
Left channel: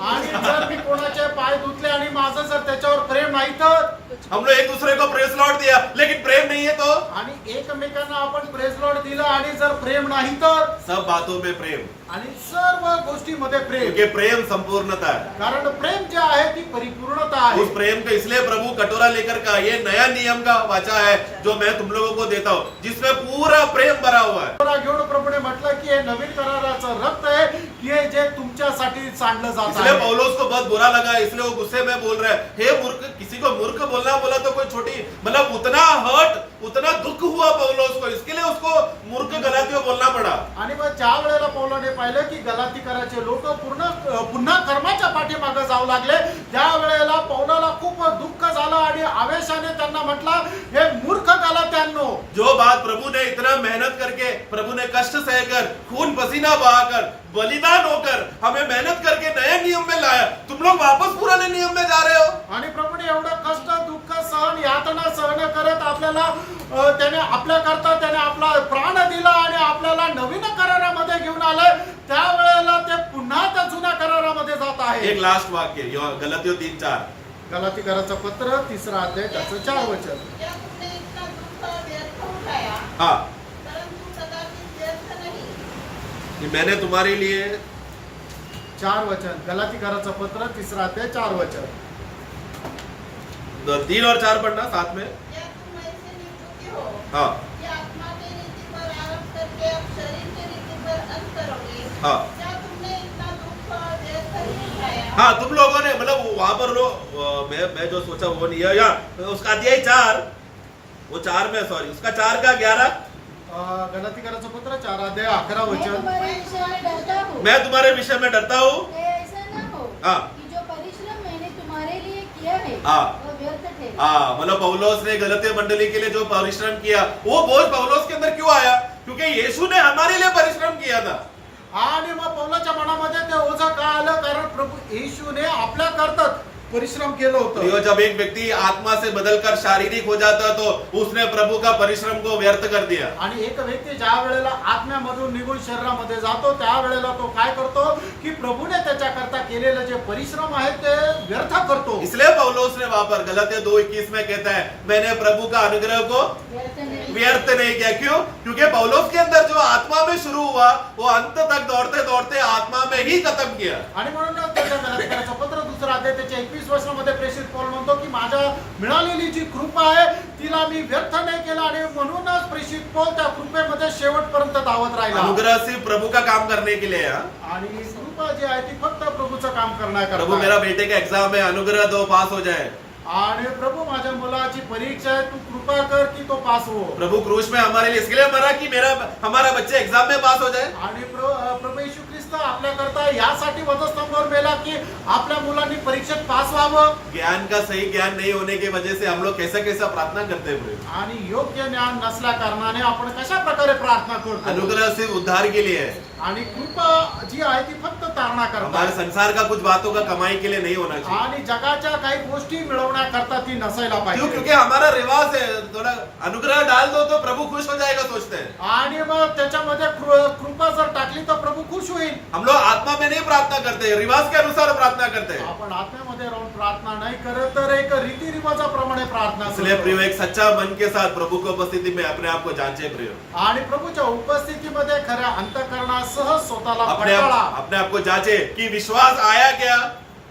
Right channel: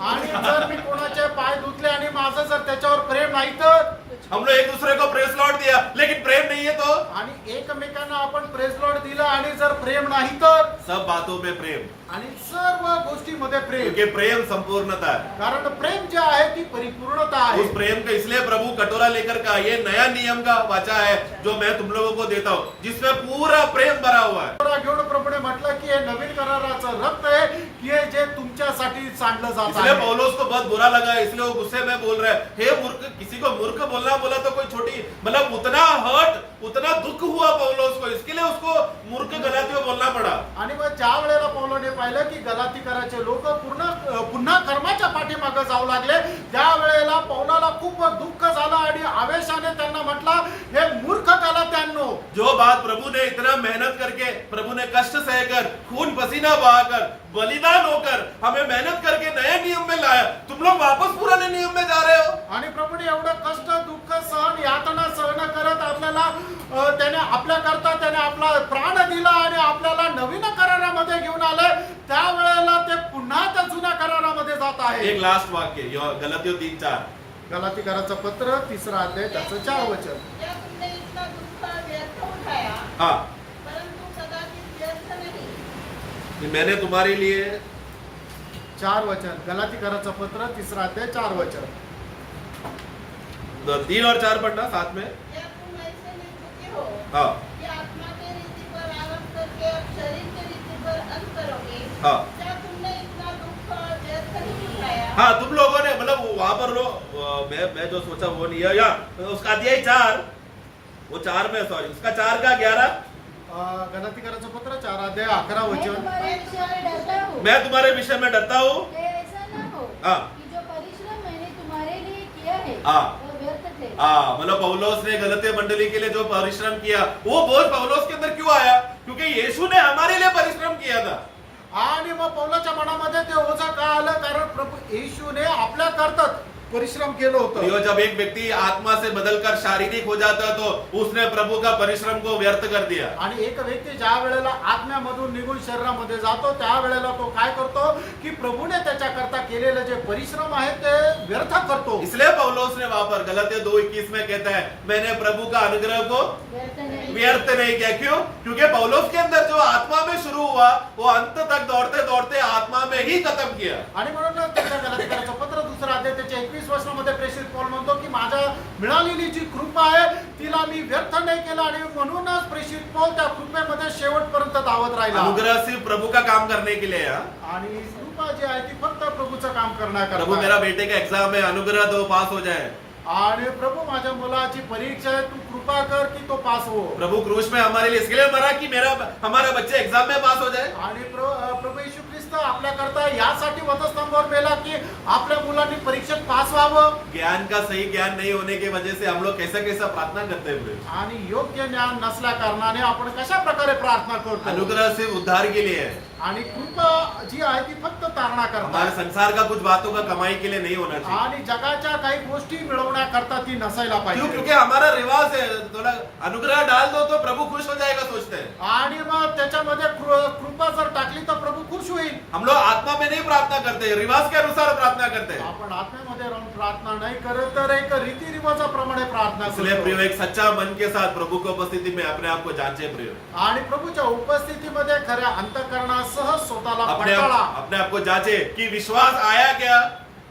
आणि जर मी कोणाचे पाय धुतले आणि माझं जर त्याच्यावर प्रेम नाही तर, हम लोग एक दूसरे को प्रेस लौट दिया लेकिन प्रेम नहीं है तो आणि एकमेकांना आपण प्रेस लॉर्ड दिलं आणि जर प्रेम नाही तर, सब बातों में प्रेम, आणि सर्व गोष्टीमध्ये प्रेम. क्योंकि प्रेम संपूर्णता है। कारण प्रेम जे आहे ती परिपूर्णता आहे. उस प्रेम को इसलिए प्रभु कटोरा लेकर का ये नया नियम का वाचा है जो मैं तुम लोगों को देता हूँ, जिसमें पूरा प्रेम भरा हुआ है। कटोरा घेऊन प्रभूने म्हटलं की हे नवीन कराराचं रक्त आहे की हे जे तुमच्यासाठी सांडलं जात इसलिए आहे. पौलुस को बहुत बुरा लगा, इसलिए वो गुस्से में बोल रहा है, हे मूर्ख। किसी को मूर्ख बोलना बोला तो कोई छोटी मतलब उतना हर्ट, उतना दुख हुआ पौलुस को, इसके लिए उसको मूर्ख गलातियों बोलना पड़ा। आणि मग ज्या वेळेला पौलाने पाहिलं की गलातीकराचे लोक पुन्हा कर्माच्या पाठीमागे जाऊ लागले, त्या वेळेला पौलाला खूप दुःख झालं आणि आवेशाने त्यांना म्हटलं, हे मूर्ख गलात्यांनो, जो बात प्रभु ने इतना मेहनत करके, प्रभु ने कष्ट सहकर, खून पसीना बहाकर, बलिदान होकर हमें मेहनत करके नए नियम में लाया, तुम लोग वापस पुराने नियम में जा रहे हो। आणि प्रभूने एवढं कष्ट दुःख सहन यातना सहन करत आपल्याला त्याने आपल्या करता त्याने आपला प्राण दिला आणि आपल्याला नवीन करारामध्ये घेऊन आलंय, त्यावेळेला ते पुन्हा त्या जुन्या करारामध्ये जात आहे. एक लास्ट वाक्य गलातियों 3:4 गलातीकराचं पत्र 3 अध्याय त्याचं 4 वचन. क्या तुमने इतना दुख व्यर्थ उठाया, हाँ, परंतु कदाचित व्यर्थ नहीं। कि मैंने तुम्हारे लिए 4 वचन. गलातीकराचं पत्र 3 अध्याय 4 वचन. 3 और 4 पढ़ना साथ में। क्या तुम ऐसे निर्बुद्धि हो हाँ कि आत्मा के रीति पर आरोप करके अब शरीर के रीति पर अंत करोगे? हाँ क्या तुमने इतना दुख व्यर्थ नहीं उठाया? हाँ, तुम लोगों ने मतलब वहां पर लो मैं जो सोचा वो नहीं है। या उसका अध्याय 4, वो 4 में सॉरी उसका 4 का 11 गलातीकराचं पत्र 4 अध्याय 11 मैं वचन. तुम्हारे विषय में डरता हूँ मैं तुम्हारे विषय में डरता हूँ। कि ऐसा न हो हाँ। कि जो परिश्रम मैंने तुम्हारे लिए किया है हाँ। वो व्यर्थ ठहरे। हाँ, मतलब पौलुस ने गलती मंडली के लिए जो परिश्रम किया वो बोझ पौलुस के अंदर क्यों आया? क्योंकि यीशु ने हमारे लिए परिश्रम किया था। आणि मग पौलाच्या मनामध्ये ते ओझं का आलं? कारण प्रभू येशूने आपल्या करता परिश्रम केलं होतं. प्रियो, जब एक व्यक्ति आत्मा से बदलकर शारीरिक हो जाता है तो उसने प्रभु का परिश्रम को व्यर्थ कर दिया। आणि एक व्यक्ती ज्या वेळेला आत्म्यामधून निघून शरीरामध्ये जातो त्यावेळेला तो काय करतो की प्रभूने त्याच्याकरता केलेले जे परिश्रम आहेत ते व्यर्थ करतो. इसलिए पौलुस ने वहां पर गलतियां 2:21 में कहता है, मैंने प्रभु का अनुग्रह को व्यर्थ नहीं किया। क्यों? क्योंकि पौलुस के अंदर जो आत्मा में शुरू हुआ वो अंत तक दौड़ते दौड़ते आत्मा में ही खत्म किया। आणि म्हणून त्याच्या गलातियराचं पत्र 2 अध्याय त्याच्या 21 वर्षामध्ये प्रेषित पौल म्हणतो की माझ्या मिळालेली जी कृपा आहे तिला मी व्यर्थ नाही केला आणि म्हणूनच प्रेषित पौल त्या कृपेमध्ये शेवटपर्यंत धावत राहिला. अनुग्रह सिर्फ प्रभु का काम करने के लिए है। आणि कृपा जी आहे ती फक्त प्रभूचं काम करण्याकरता. प्रभु, मेरा बेटे का एग्जाम है, अनुग्रह दो, पास हो जाए। आणि प्रभू माझ्या मुलाची परीक्षा आहे तू कृपा कर की तो पास हो. प्रभु क्रूस में हमारे लिए इसके लिए मरा कि हमारा बच्चे एग्जाम में पास हो जाए। आणि प्रभू येशू ख्रिस्त आपल्याकरता यासाठी वधस्तंभावर मेला की आपल्या मुलांनी परीक्षेत पास व्हावं. ज्ञान का सही ज्ञान नहीं होने की वजह से हम लोग कैसा कैसा प्रार्थना करते हैं प्रभु। आणि योग्य ज्ञान नसल्या कारणाने आपण कशा प्रकारे प्रार्थना करतो. अनुग्रह सिर्फ उद्धार के लिए है। आणि कृपा जी आहे ती फक्त तारणा करता हमारे संसार का कुछ बातों का कमाई के लिए नहीं होना चाहिए। आणि जगाच्या काही गोष्टी मिळवण्याकरता ती नसायला क्यों? पाहिजे. क्योंकि हमारा रिवाज है, थोड़ा अनुग्रह डाल दो तो प्रभु खुश हो जाएगा सोचते हैं। आणि मग त्याच्यामध्ये कृपा जर टाकली तर प्रभू खुश होईल. हम लोग आत्मा में नहीं प्रार्थना करते, रिवाज के अनुसार प्रार्थना करते हैं। आपण आत्म्यामध्ये राहून प्रार्थना नाही करत तर एक रीती रिवाजाप्रमाणे प्रार्थना इसलिए करतो. प्रियो, एक सच्चा मन के साथ प्रभु की उपस्थिति में अपने आप को जांचे प्रियो। आणि प्रभूच्या उपस्थितीमध्ये खऱ्या अंतःकरणासह स्वतःला अपने पडताळा आप को जांचे कि विश्वास आया क्या?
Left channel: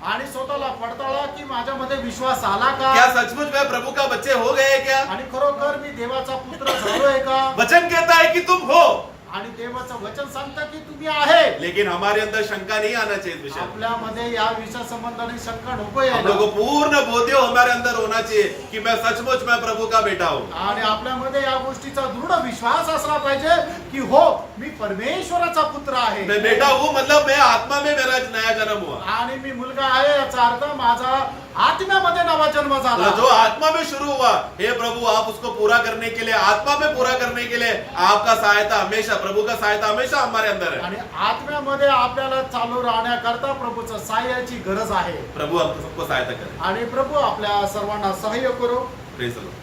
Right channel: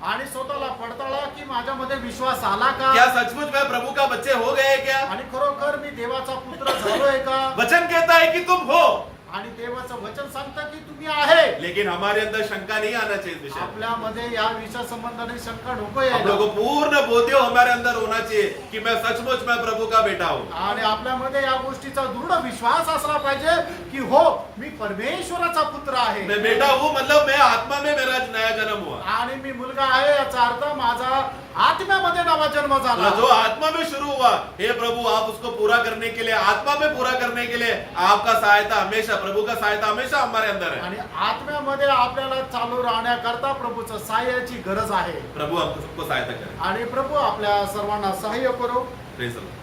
आणि स्वतःला पडताळा की माझ्यामध्ये विश्वास आला का. क्या सचमुच में प्रभु का बच्चे हो गए क्या? आणि खरोखर मी देवाचा पुत्र झालोय का. वचन कहता है कि तुम हो, आणि देवाचं वचन सांगतं की तुम्ही आहे. लेकिन हमारे अंदर शंका नहीं आना चाहिए इस विषय में। आपल्यामध्ये या विषय संबंधाने शंका नकोय. हम लोग को पूर्ण बोध्य हमारे अंदर होना चाहिए कि मैं सचमुच में प्रभु का बेटा हूँ। आणि आपल्यामध्ये या गोष्टीचा दृढ विश्वास असला पाहिजे की हो मी परमेश्वराचा पुत्र आहे. मैं बेटा हूँ मतलब मैं आत्मा में मेरा नया जन्म हुआ। आणि मी मुलगा आहे याचा अर्थ माझा आत्म्यामध्ये नवा जन्म झाला. तो जो आत्मा में शुरू हुआ, हे प्रभु आप उसको पूरा करने के लिए, आत्मा में पूरा करने के लिए आपका सहायता हमेशा, प्रभु का सहायता हमेशा हमारे अंदर है। आणि आत्म्यामध्ये आपल्याला चालू राहण्याकरता प्रभूचं सहाय्याची गरज आहे. प्रभु हम सबको सहायता करे। आणि प्रभू आपल्या सर्वांना सहाय्य करो. Praise the Lord.